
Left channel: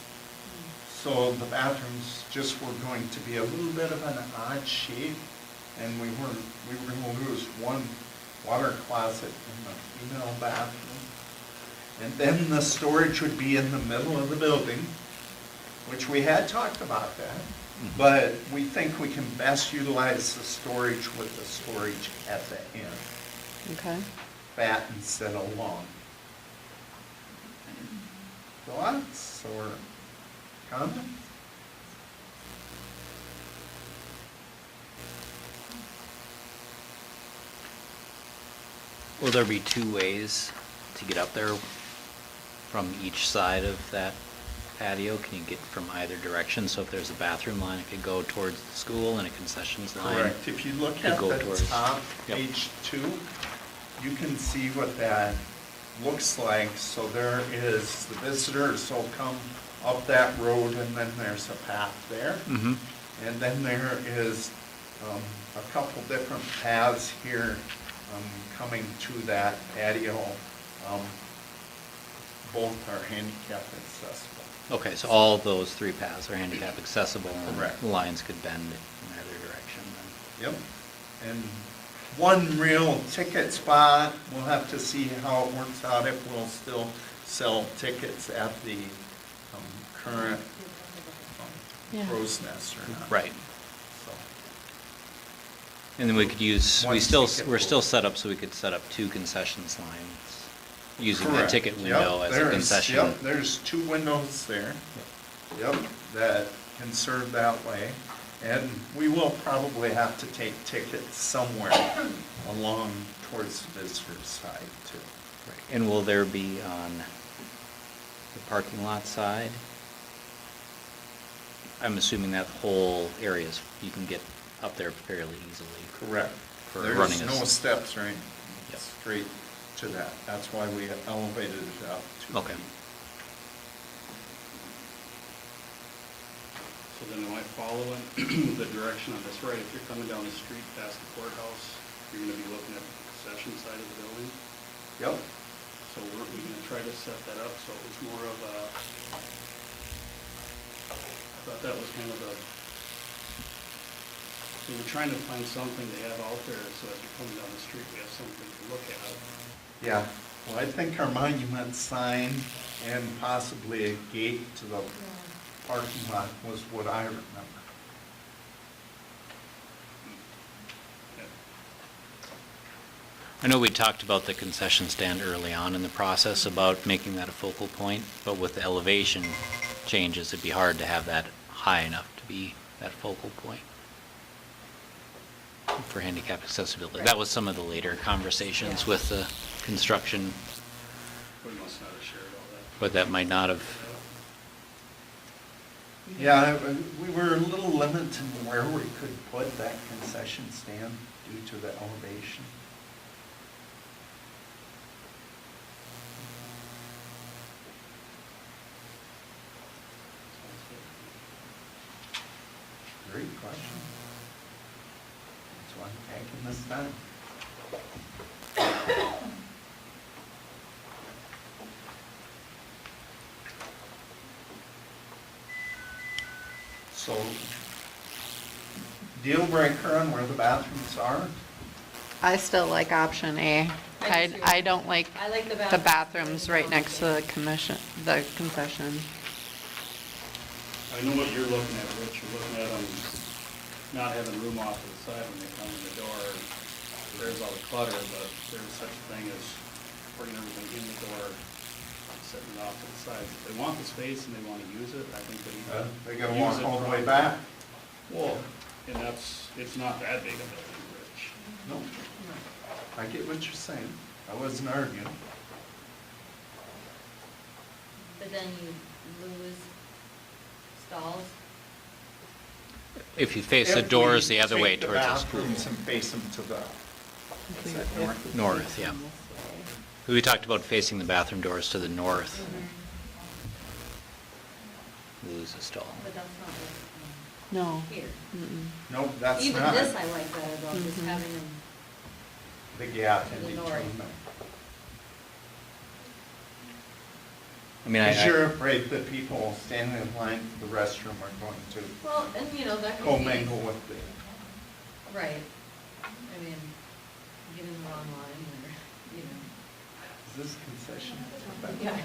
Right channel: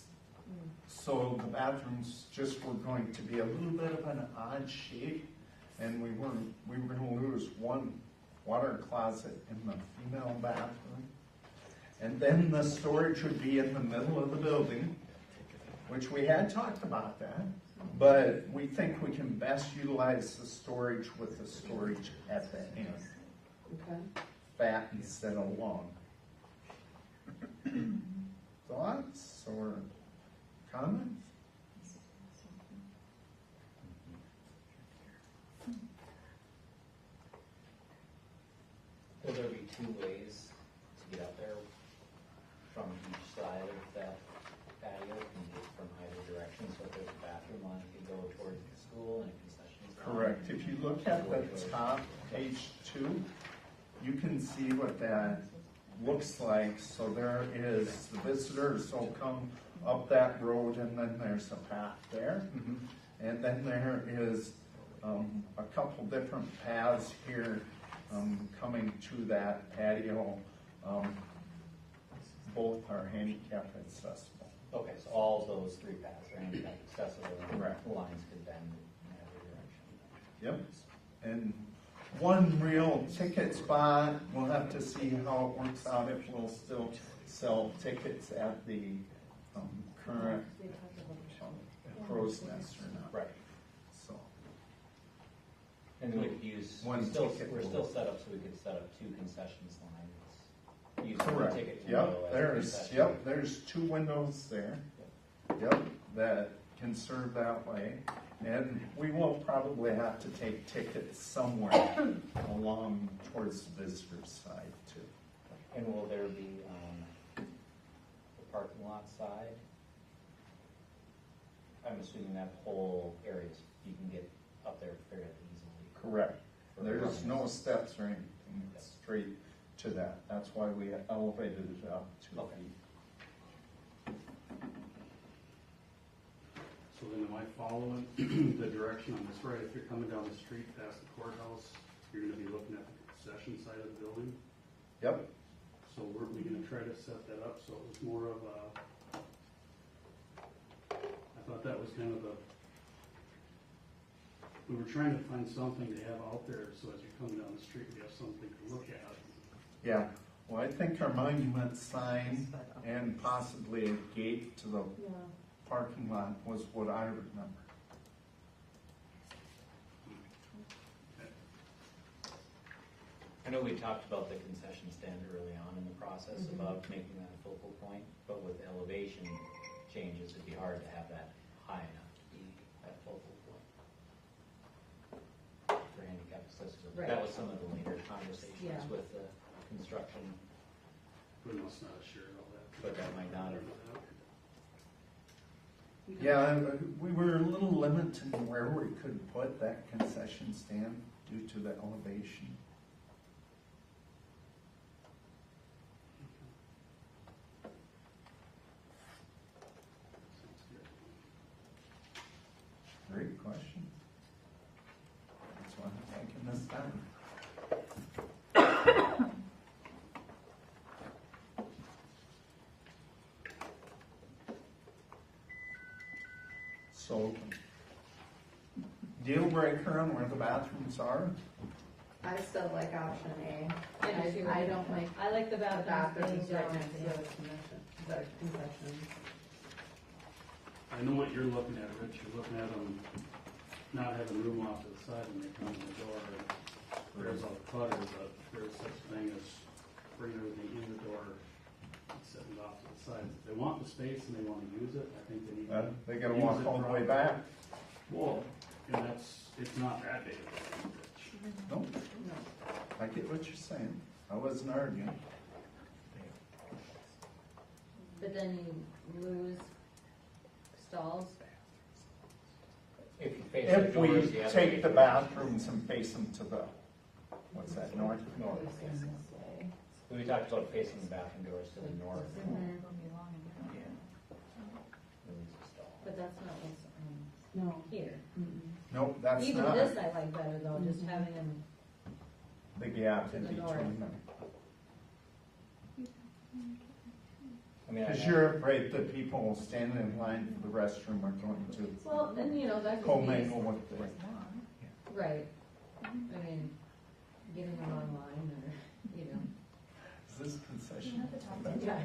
So the bathrooms just were going to be a little bit of an odd shape, and we were going to lose one water closet in the female bathroom. And then the storage would be in the middle of the building, which we had talked about that. But we think we can best utilize the storage with the storage at the end. okay. Fat instead of long. Thoughts or comments? Will there be two ways to get up there from each side of that patio? Can you get from either direction? So if there's a bathroom line, it could go towards the school, and a concessions line. Correct. If you look could at go the towards- top, Yep. page 2, you can see what that looks like. So there is, the visitors will come up that road, and then there's a path there. Mm-hmm. And then there is a couple different paths here coming to that patio. Both are handicap accessible. Okay, so all those three paths are handicap accessible, and Correct. the lines could bend in either direction then. Yep. And one real ticket spot, we'll have to see how it works out, if we'll still sell tickets at the current Yeah. Crow's Nest or not. Right. So, And then we could use, One we're still ticket. set up so we could set up two concessions lines, using the correct. ticket Yep, window as a there is- concession. Yep, there's 2 windows there. Yep, that can serve that way. And we will probably have to take tickets somewhere along towards the visitor's side too. Right. And will there be on the parking lot side? I'm assuming that whole area is, you can get up there fairly easily. Correct. For There's running no a- steps or anything, Yep. straight to that. That's why we elevated it out 2 Okay. feet. then they might follow in the direction on this right. If you're coming down the street past the courthouse, you're gonna be looking at the concession side of the building. Yep. So we're gonna try to set that up, so it was more of a, I thought that was kind of a, so we're trying to find something to have out there, so as you're coming down the street, we have something to look at. Yeah, well, I think our monument sign and possibly a gate to the parking lot was what I remember. I know we talked about the concession stand early on in the process, about making that a focal point, but with the elevation changes, it'd be hard to have that high enough to be that focal point for handicap accessibility. That was some of the later conversations with the construction, We must not have shared all that. but that might not have, Yeah, we were a little limited to where we could put that concession stand due to the elevation. Great question. That's why I'm taking this time. So, deal breaker on where the bathrooms are? I still like option A. I don't like I like the the bathrooms right next to the concession. I know what you're looking at, Rich, you're looking at them not having room off to the side when they come in the door. There's all the clutter, but there's such a thing as bringing everything in the door, and setting it off to the side. If they want the space and they wanna use it, I think they need to. They gotta use walk it all the way properly. back. Well, and it's not that big of a thing, Rich. No, I get what you're saying. I wasn't arguing. But then you lose stalls. if you face the doors the other way towards the Take school. the bathrooms and face them to the, what's that, north? North, yeah. We talked about facing the bathroom doors to the north. Lose a stall. But that's not No. what's here. Mm-mm. Nope, that's Even not this I like better though, just having them, the gap in to the between north. them. I mean, Because you're afraid that people standing in line for the restroom are going to well, and you know, that could be. commingle with the, Right. I mean, get in the wrong line or, you know. is this concession? Yeah. In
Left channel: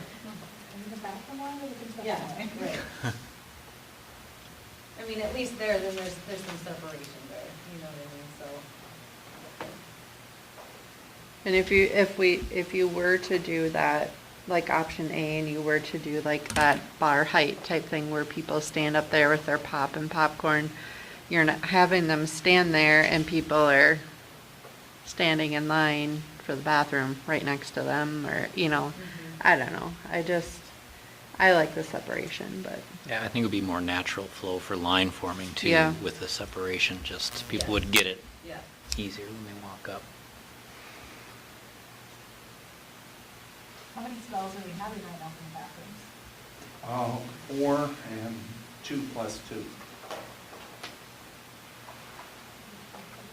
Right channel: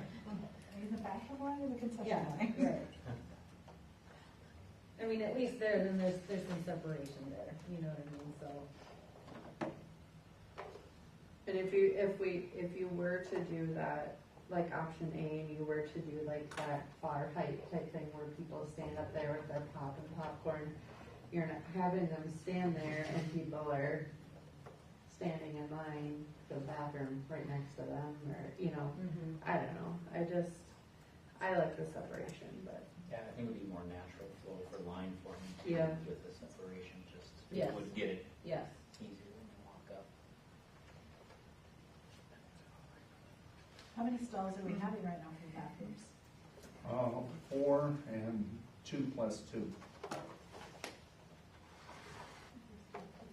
the bathroom line or the concession Yeah, line? right. I mean, at least there, then there's some separation there, you know what I mean, so. And if you were to do that, like option A, and you were to do like that bar height type thing where people stand up there with their pop and popcorn, you're not having them stand there and people are standing in line for the bathroom right next to them, or, you know, I don't know. I like the separation, but. yeah, I think it would be more natural flow for line forming too, Yeah. with the separation, just people Yeah. would get it Yeah. easier when they walk up. How many stalls are we having right now in the bathrooms? 4 and 2 plus 2.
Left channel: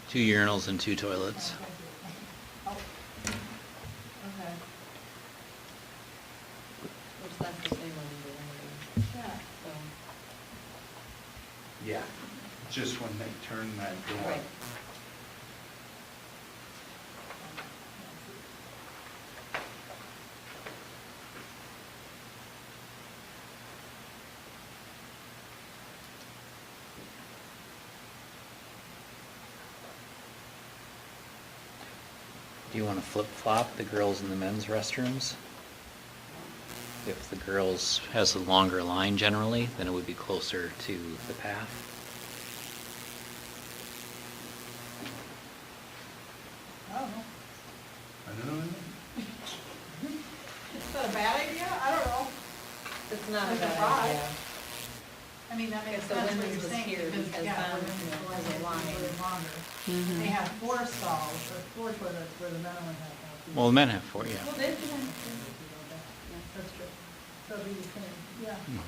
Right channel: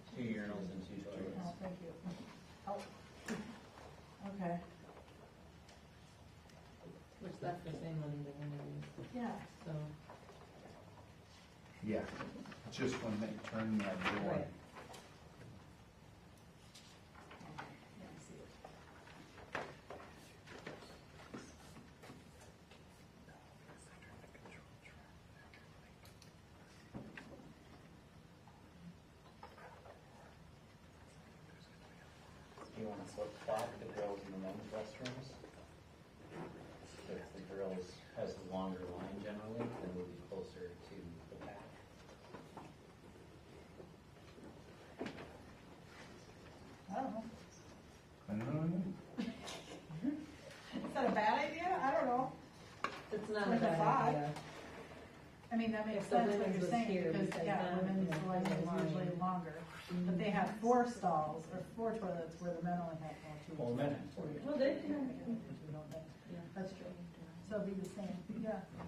2 urinals and 2 toilets. Oh, okay, Which that's the same one we were doing, yeah. so. Yeah, just when they turn that door. Right. Do you want to flip-flop the girls' and the men's restrooms? If the girls' has a longer line generally, then it would be closer to the path. I don't know. I don't know. Is that a bad idea? I don't know. It's not a There's a bad five. idea. I mean, that makes If the sense what women's you're was saying, here, because, because yeah, then, women's you know, was there's a line. usually longer. Mhm. They have 4 stalls, or 4 toilets, where the men only have 2. Well, the men have 4, yeah. Well, they can, That's true. So it'd be the same, yeah. Mhm.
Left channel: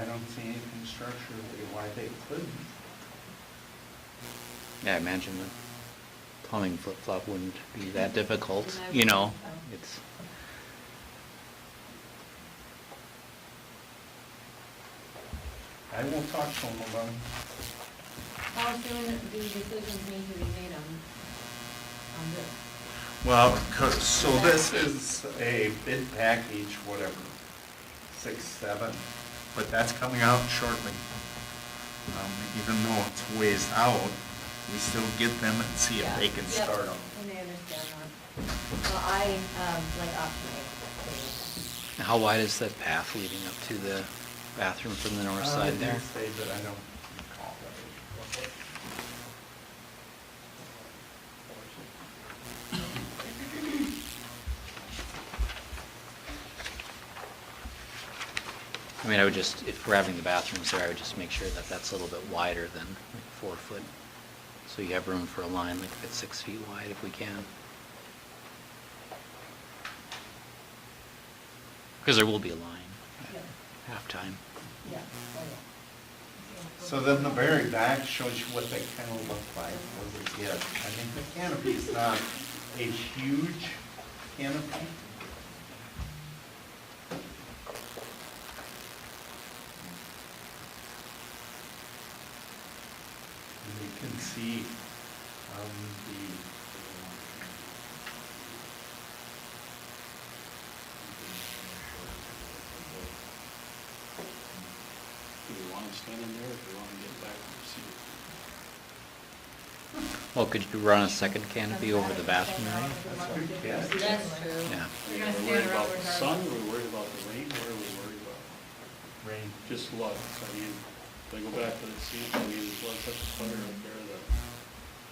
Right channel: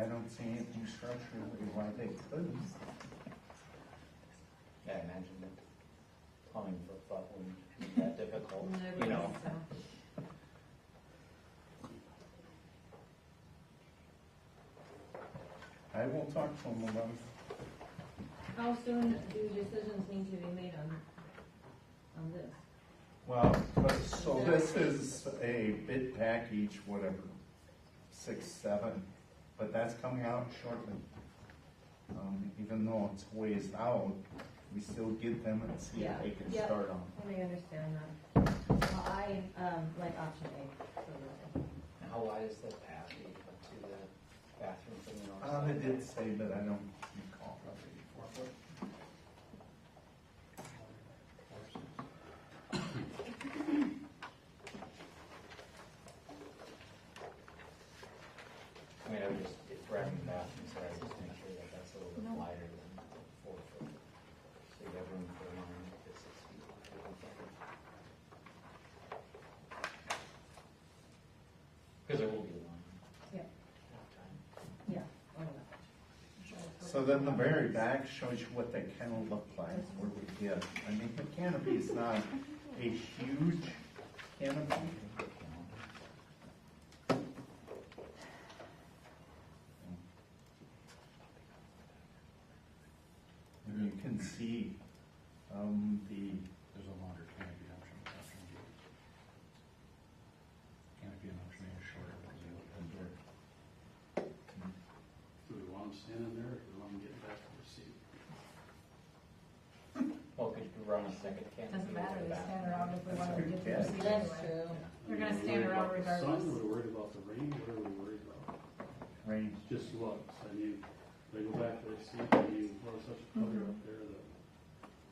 I don't see anything structurally why they couldn't. Yeah, I imagine the plumbing flip-flop wouldn't be that difficult, you know, it's, I will talk to them about it. How soon do decisions need to be made on this? Well, so this is a bid package, whatever, 6, 7, but that's coming out shortly. Even though it's ways out, we still get them and see if they can Yep, start them. and I understand that. Well, I, like option A. how wide is that path leading up to the bathroom from the north side there? Say that I don't recall that. I mean, I would just, if we're having the bathrooms there, I would just make sure that that's a little bit wider than like 4 foot. So you have room for a line like that's 6 feet wide if we can. Because there will be a line Yeah. at halftime. Yeah. So then the very back shows you what they kind of look like, what we get. I mean, the canopy is not a huge canopy. And you can see, Do we want to stand in there, or do we want to get back to the seat? Well, could you run a second canopy over the bathroom area? That's true. Yeah. You're Are gonna we stand worried around about the sun, regardless. or are we worried about the rain, what are we worried about? rain. Just look, I mean, if I go back to the seat, I mean, there's such a clutter up there that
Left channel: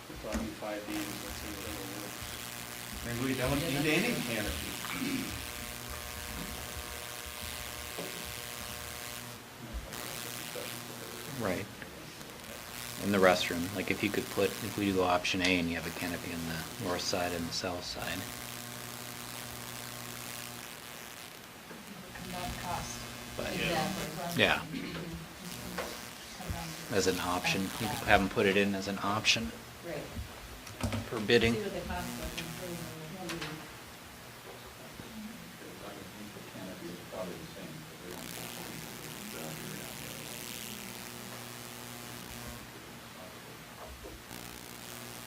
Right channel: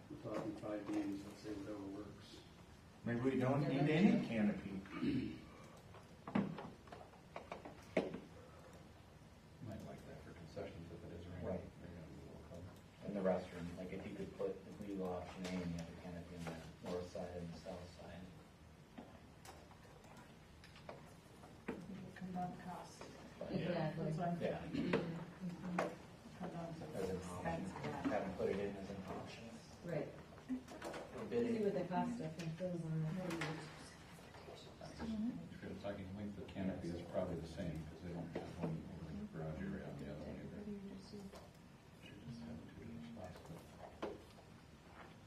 we're talking 5 Ds, let's say whatever works. Maybe we don't need any canopy. Right. In the restroom, like if you could put, if we do option A and you have a canopy on the north side and the south side. But, Exactly. yeah, as an option, you could have them put it in as an option Right. for bidding. See what the cost was and put it in. The canopy is probably the same, but we don't have one.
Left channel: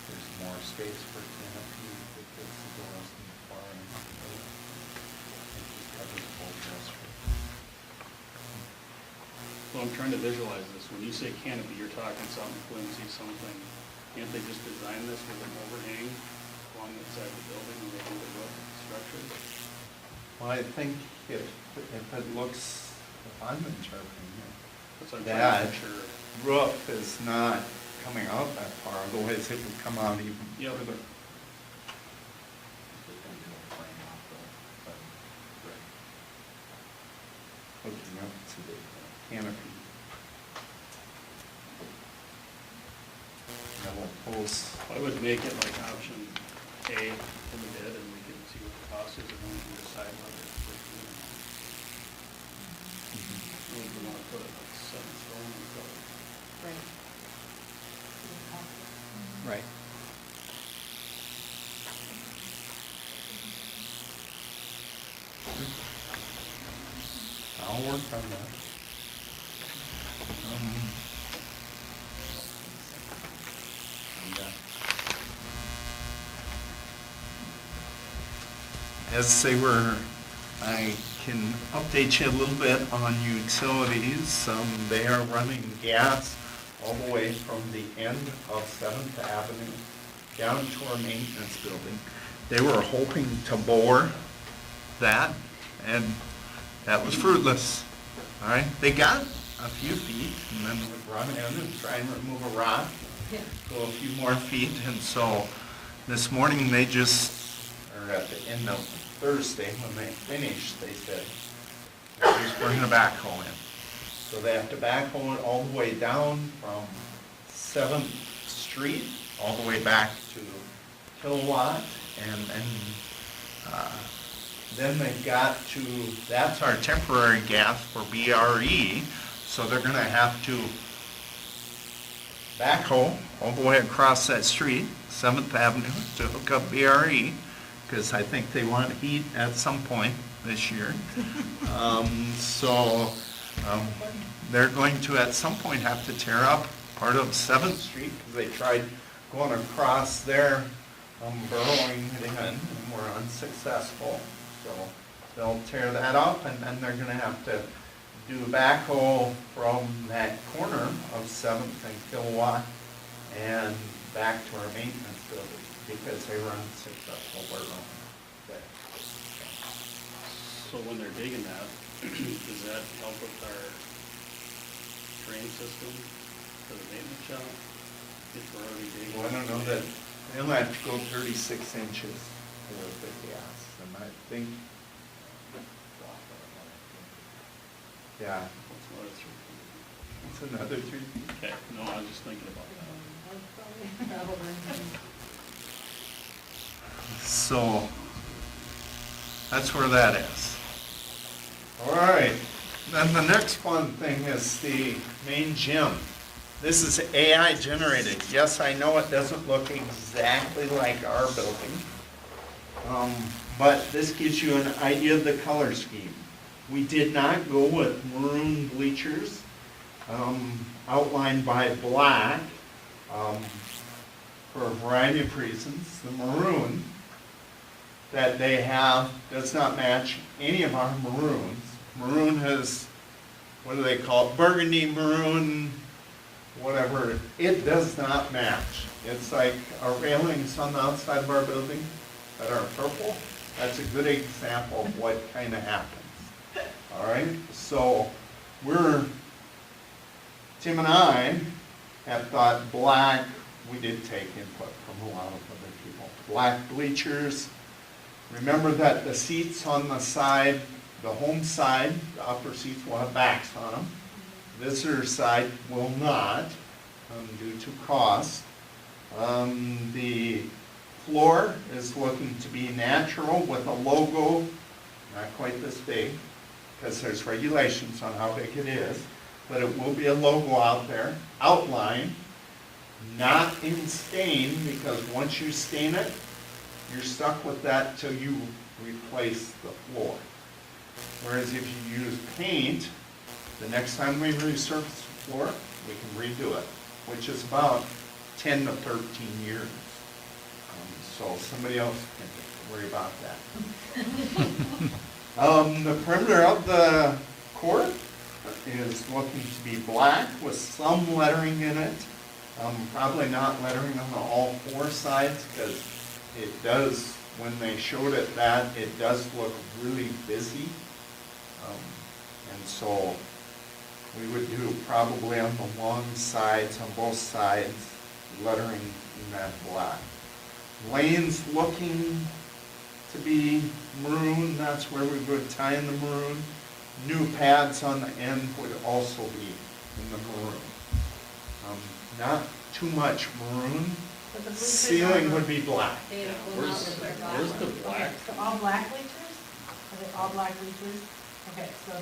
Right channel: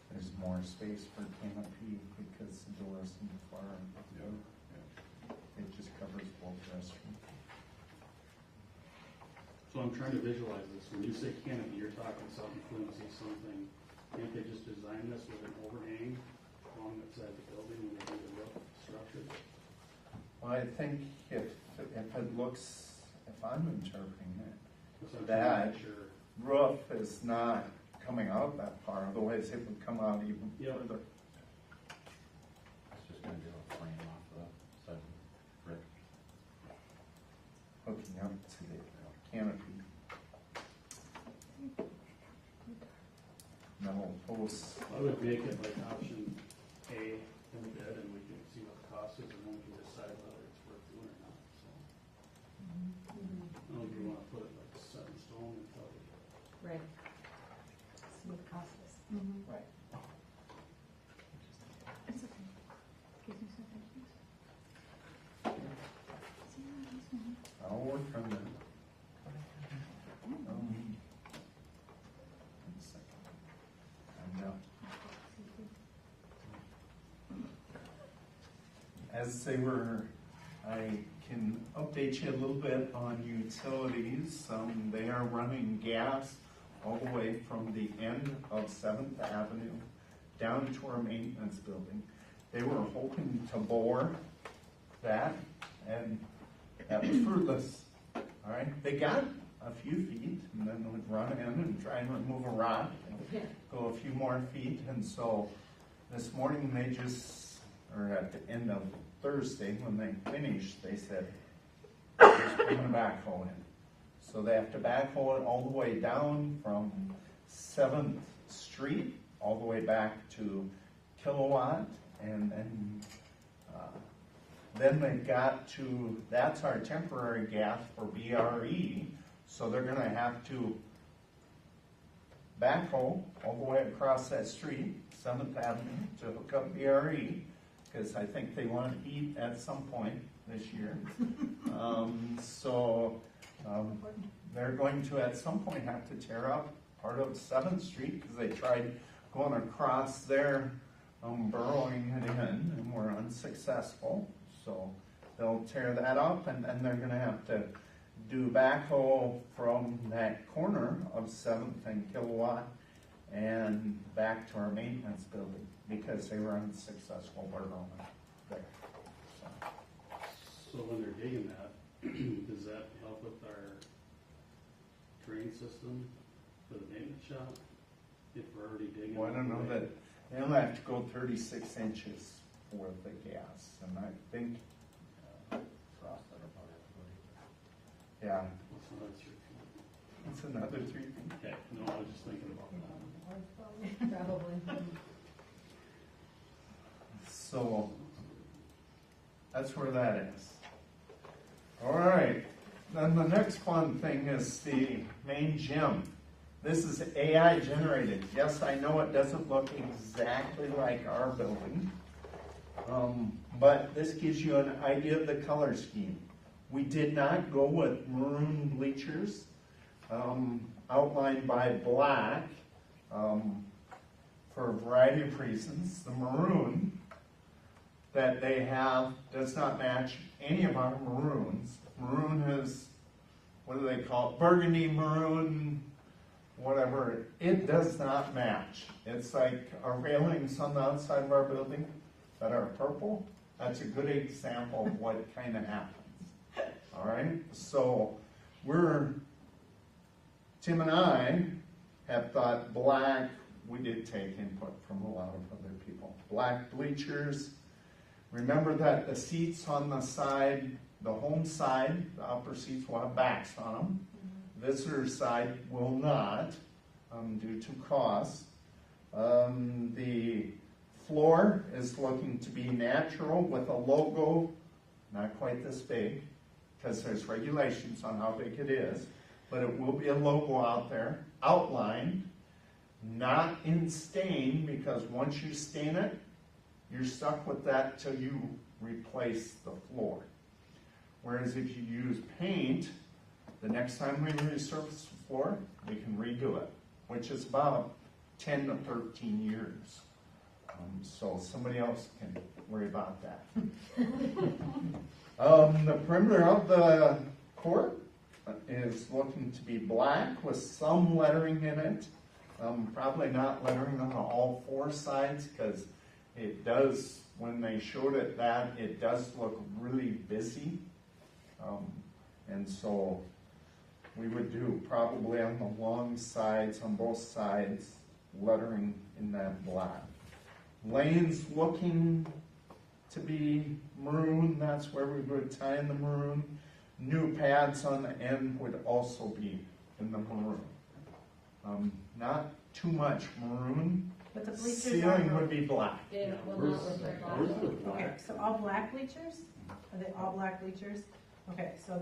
There's more space for canopy because the doors in the far end. It just covers both restrooms. So I'm trying to visualize this, when you say canopy, you're talking something flimsy, something, can't they just design this with an overhang along the side of the building when they do the roof structure? Well, I think if it looks, if I'm interpreting it, That's what I'm trying to that picture. roof is not coming out that far, otherwise it would come out even Yeah, but further. Just gonna do a frame off the brick. Hooking up to the canopy. And then we'll post, I would make it like option A in the bid, and we can see what the cost is, and then we can decide whether it's worth doing. We wouldn't want to put it like set in stone or something. Right. Right. I'll work on that. As they were, I can update you a little bit on utilities. They are running gas all the way from the end of 7th Avenue down to our maintenance building. They were hoping to bore that, and that was fruitless. All right, they got a few feet, and then would run in and try and remove a rock, go a few more feet, and so this morning they just, or at the end of Thursday, when they finished, they said, just bring the backhoe in. So they have to backhoe it all the way down from 7th Street, all the way back to Kilowatt, and then they've got to, that's our temporary gas for BRE, So they're gonna have to backhoe all the way across that street, 7th Avenue, to hook up BRE, because I think they want heat at some point this year. They're going to at some point have to tear up part of 7th Street, because they tried going across there, burrowing it in, and were unsuccessful. So they'll tear that up, and then they're gonna have to do a backhoe from that corner of 7th and Kilowatt and back to our maintenance building, because they were unsuccessful burrowing there. So when they're digging that, does that help with our drain system for the maintenance shop? If we're already digging? Well, I don't know that, they'll have to go 36 inches for the gas, and I think, yeah, What's another 3 feet? it's another 3 feet. Okay, no, I was just thinking about that. So, that's where that is. All right, then the next fun thing is the main gym. This is AI generated. Yes, I know it doesn't look exactly like our building, but this gives you an idea of the color scheme. We did not go with maroon bleachers, outlined by black, for a variety of reasons. The maroon that they have does not match any of our maroons. Maroon is, what do they call it, burgundy, maroon, whatever. It does not match. It's like our railings on the outside of our building that are purple. That's a good example of what kind of happens. All right, so Tim and I have thought black. We did take input from a lot of other people. Black bleachers. Remember that the seats on the side, the home side, the upper seats will have backs on them. Visitor side will not, due to cost. The floor is looking to be natural with a logo, not quite this big, because there's regulations on how big it is, but it will be a logo out there, outline, not in stain, because once you stain it, you're stuck with that till you replace the floor. Whereas if you use paint, the next time we resurface the floor, we can redo it, which is about 10 to 13 years. So somebody else can worry about that. The perimeter of the court is looking to be black with some lettering in it. Probably not lettering on all 4 sides, because it does, when they showed it that, it does look really busy. And so we would do probably on the long sides, on both sides, lettering in that black. Lanes looking to be maroon, that's where we would tie in the maroon. New pads on the end would also be in the maroon. Not too much maroon. Ceiling would be black. Where's the black? So all black bleachers? Are they all black bleachers? Okay, so.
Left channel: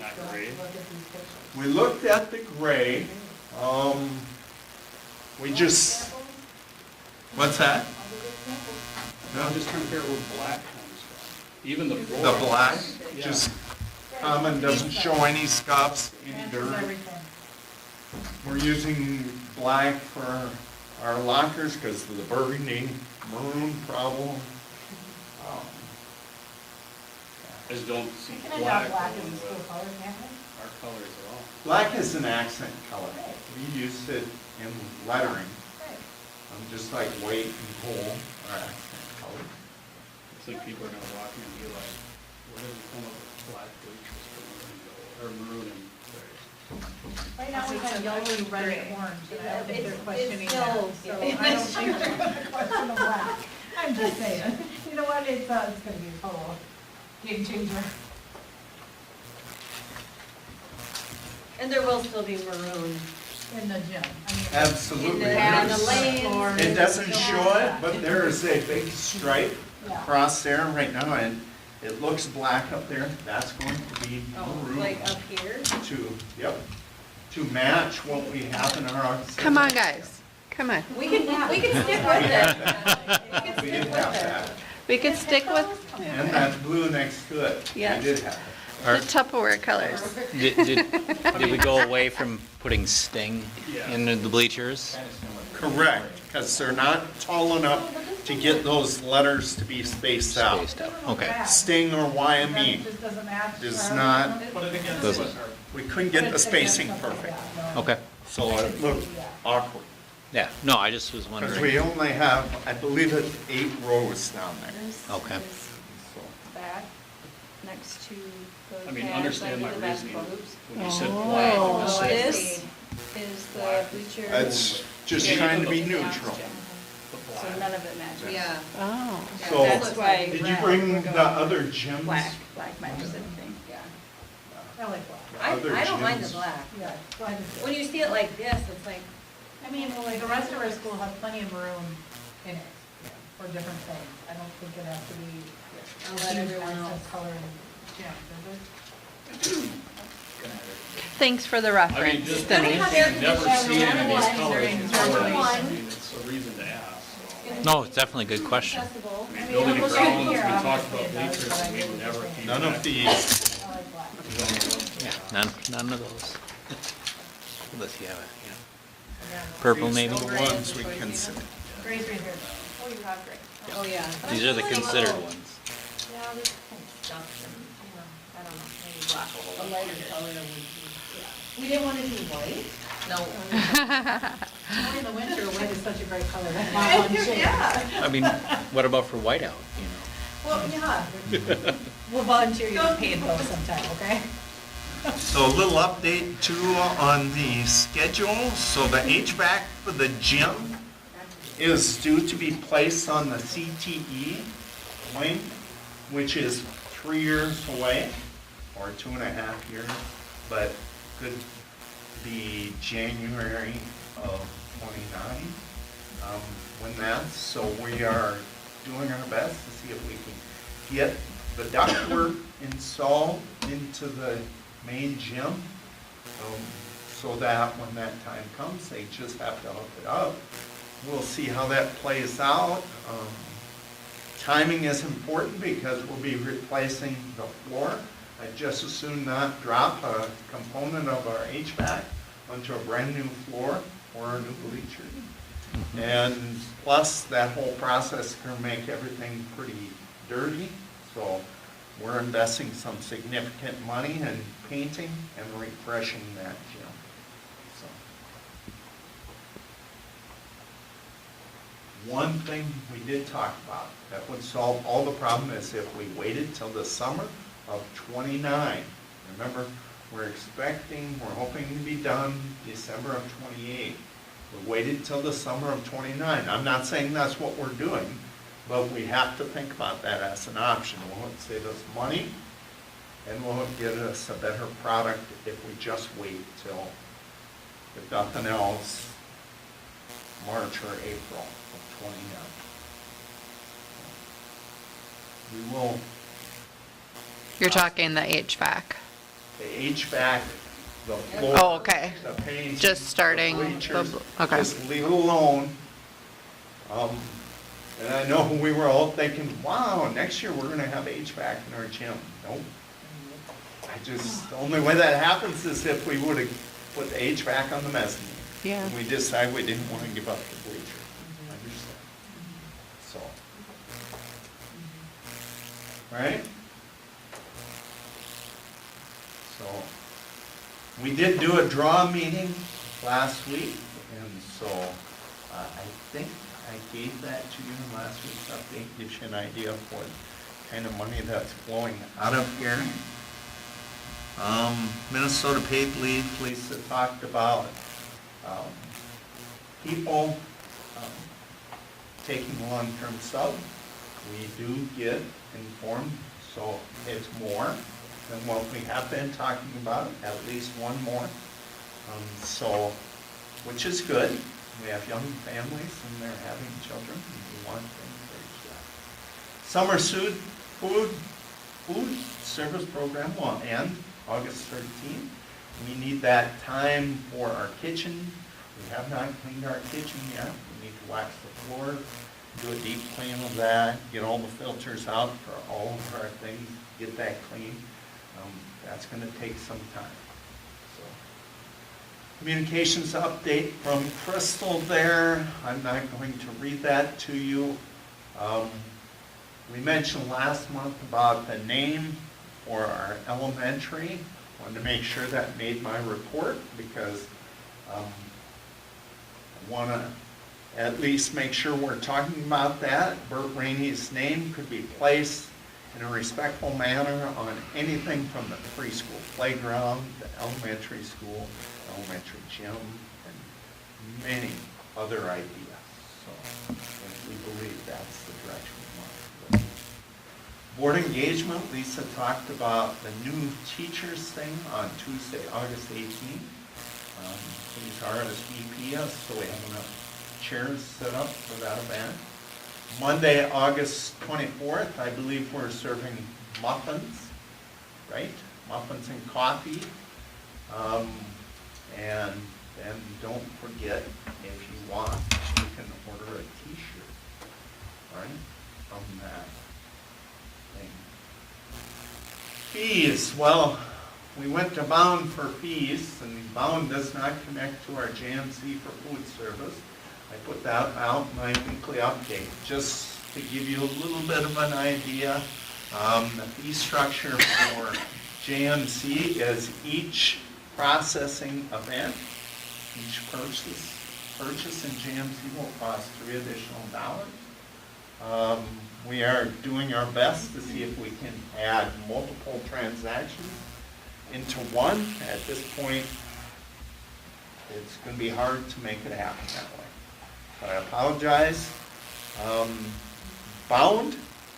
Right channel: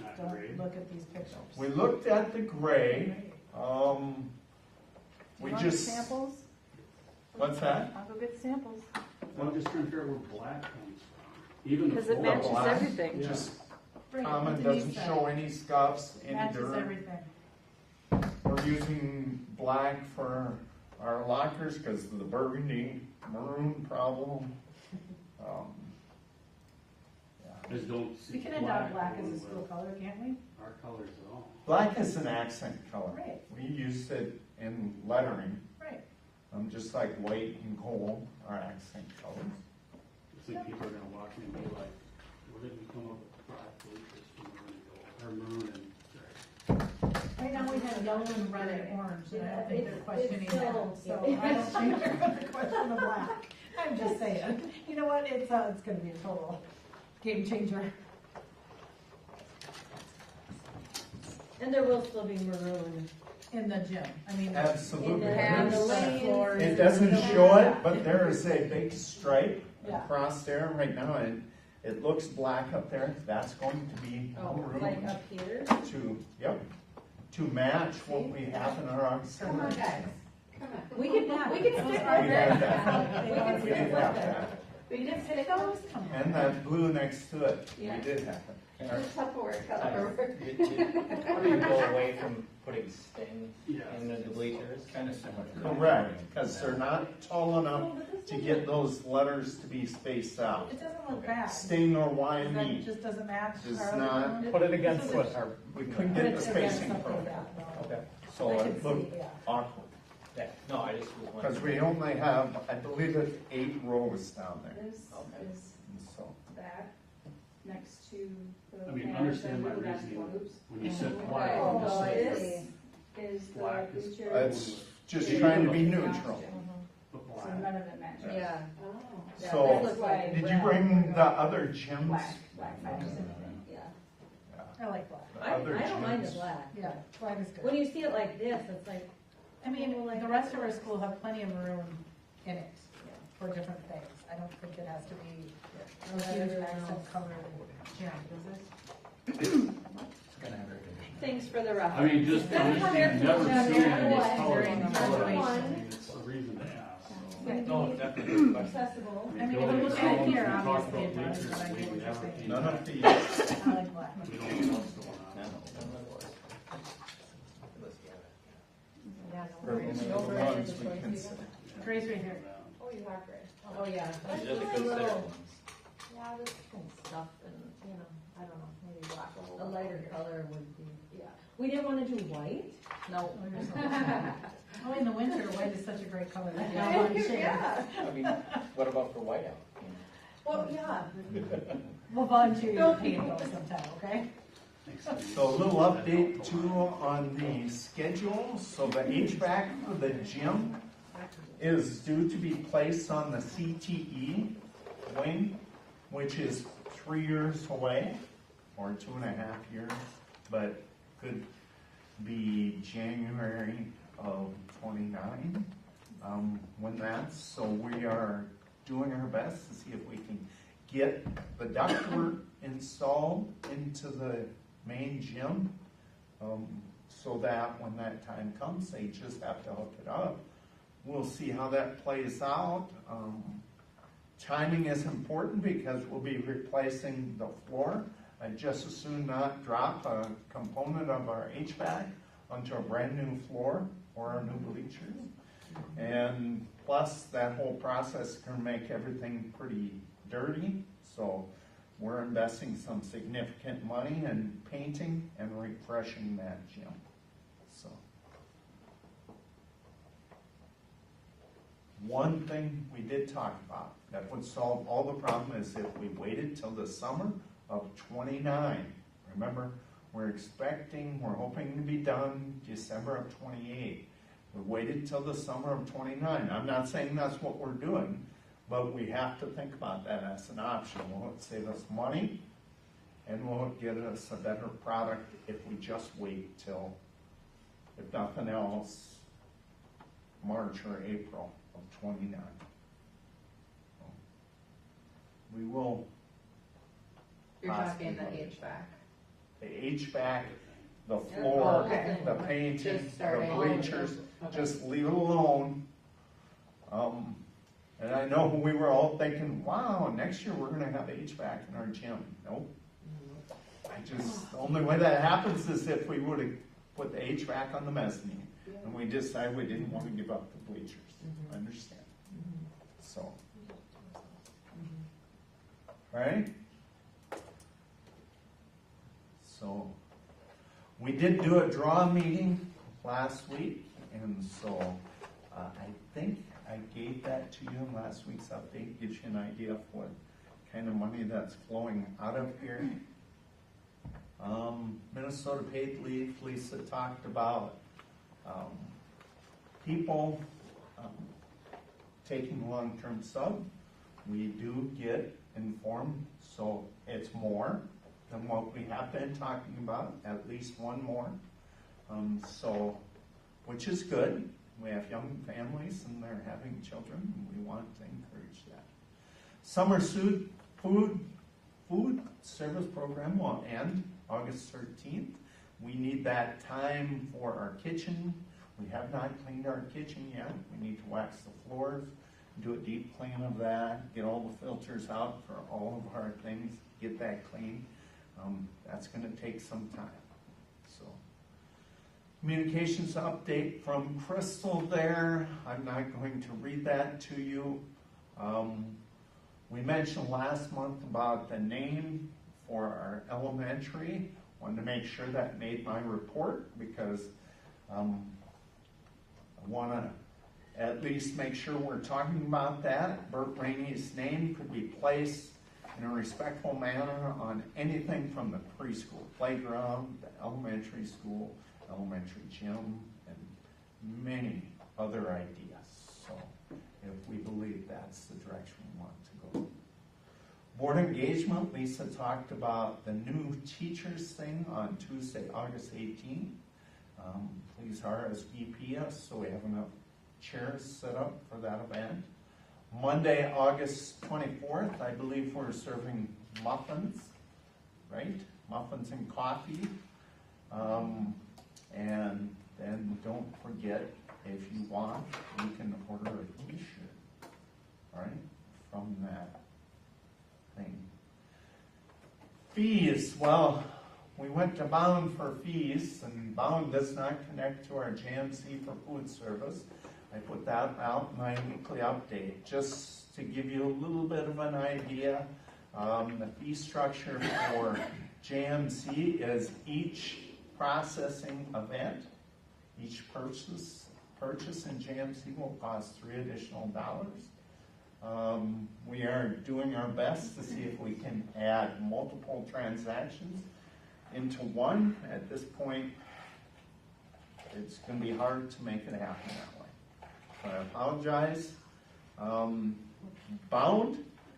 Not so gray? Look at these pictures. We looked at the gray. We Want just, examples? what's that? Want the examples? No, I'm just trying to figure out where black comes from. Even the Is it floor. the black, Yeah. just Right, common, doesn't underneath show that. any scuffs, any Matches dirt. everything. We're using black for our lockers because of the burgundy maroon problem. I just don't see You can black. adopt black on as a school color, can't we? Our colors are all. Black is an accent color. Right. We used it in lettering, Right. just like weight and coal are accent colors. It's like people are gonna walk in and be like, we're gonna come up with black bleachers for the window, or maroon and gray. Right now we have yellow, red, and orange, and I don't think they're It's questioning still- that. So I don't think they're gonna question the black. I'm just saying, you know what, it's gonna be a total game changer. And there will still be maroon. In the gym, I mean. Absolutely. And the There's- lanes. It doesn't show it, but there is a big stripe Yeah. across there right now, and it looks black up there. That's going to be Oh, maroon like up here? to, yep. to match what we have in our auxiliary. Come on, guys, come on. We can stick with it. We can We stick did with have it. that. We could stick with And that blue next to it. Yes. We did have it. the Tupperware colors. Did we go away from putting Sting in the bleachers? Correct, because they're not tall enough to get those letters to be spaced out. Spaced out, okay. Sting or YME That just doesn't match. is our- not, Put it against Doesn't- what? we couldn't get the spacing perfect, Okay, so it looked awkward. yeah, no, I just was Because wondering. we only have, I believe it's 8 rows down there. Okay. Back, next to the. I mean, pads understand my under the reasoning. basketball hoops. When you said black, Oh. you just said. This is the bleacher. That's just trying to be neutral. So none of it matches. Yeah. Oh. So, That's why. did you red, bring we're the going other gyms? Black matches everything. Yeah. I like black. Other I don't mind gyms? the black. Yeah. go ahead and stick. When you see it like this, it's like, I mean, like, the rest of our school have plenty of room in it for different things. I don't think it has to be I'll let everyone accent else. color and gym, does it? Thanks for the I mean, reference. just, Denise. you've never seen any of these colors During before. summer I one. mean, it's a reason to ask. No, it's definitely a good question. accessible. I mean, Building it was grounds, we here, talked obviously, about it does, bleachers, but I and get we what never you're saying. came None back. of these. I like black. None of those. Unless you have a, purple maybe? The ones we consider. Gray's right here. Oh, you have gray. Oh, yeah. These are the considered ones. Yeah, there's kind of stuff and, you know, I don't know, maybe black A will. lighter color would be. We didn't want to do white. No. Only in the winter, white is such a great color. That's my one shade. Yeah. I mean, what about for whiteout, you Well, yeah. We'll volunteer you to paint those sometime, okay? So a little update too on the schedule. So the HVAC for the gym is due to be placed on the CTE wing, which is 3 years away, or 2.5 years, but could be January of '29 when that's. So we are doing our best to see if we can get the ductwork installed into the main gym, so that when that time comes, they just have to hook it up. We'll see how that plays out. Timing is important because we'll be replacing the floor. I'd just as soon not drop a component of our HVAC onto a brand new floor or a new bleacher. And plus, that whole process is gonna make everything pretty dirty, so we're investing some significant money in painting and refreshing that gym. So. One thing we did talk about that would solve all the problem is if we waited till the summer of '29. Remember, we're hoping to be done December of '28. We waited till the summer of '29. I'm not saying that's what we're doing, but we have to think about that as an option. Will it save us money? And will it get us a better product if we just wait till, if nothing else, March or April of '29? We will, You're talking the HVAC. the HVAC, the floor. Oh, okay. The paint. Just starting the the bleachers, bl- okay. Just leave it alone. And I know we were all thinking, wow, next year we're gonna have HVAC in our gym. Nope. The only way that happens is if we would've put the HVAC on the mezzanine. Yeah. And we decided we didn't wanna give up the bleachers. Understand? So. Right? So, we did do a draw meeting last week, and so, I think I gave that to you in last week's update, gives you an idea of what kind of money that's flowing out of here. Minnesota Paid Leave, Lisa talked about, people, taking long-term sub. We do get informed, so it's more than what we have been talking about, at least one more. So, which is good. We have young families and they're having children, and we want to encourage that. Summer food service program will end August 13th. We need that time for our kitchen. We have not cleaned our kitchen yet. We need to wax the floor, do a deep clean of that, get all the filters out for all of our things, get that clean. That's gonna take some time, so. Communications update from Crystal there. I'm not going to read that to you. We mentioned last month about the name for our elementary. Wanted to make sure that made my report because I want to at least make sure we're talking about that. Bert Rainey's name could be placed in a respectful manner on anything from the preschool playground, the elementary school, elementary gym, and many other ideas. So and we believe that's the direction we want to go. Board engagement, Lisa talked about the new teachers thing on Tuesday, August 18th. Please RSVP us so we have enough chairs set up for that event. Monday, August 24th, I believe we're serving muffins, right? Muffins and coffee. And then don't forget, if you want, you can order a t-shirt, right, from that thing. Fees, well, we went to Bound for fees, and Bound does not connect to our JMC for food service. I put that out in my weekly update, just to give you a little bit of an idea. The fee structure for JMC is each processing event, each purchase in JMC will cost $3 additional. We are doing our best to see if we can add multiple transactions into one. At this point, it's going to be hard to make it happen that way. But I apologize. Bound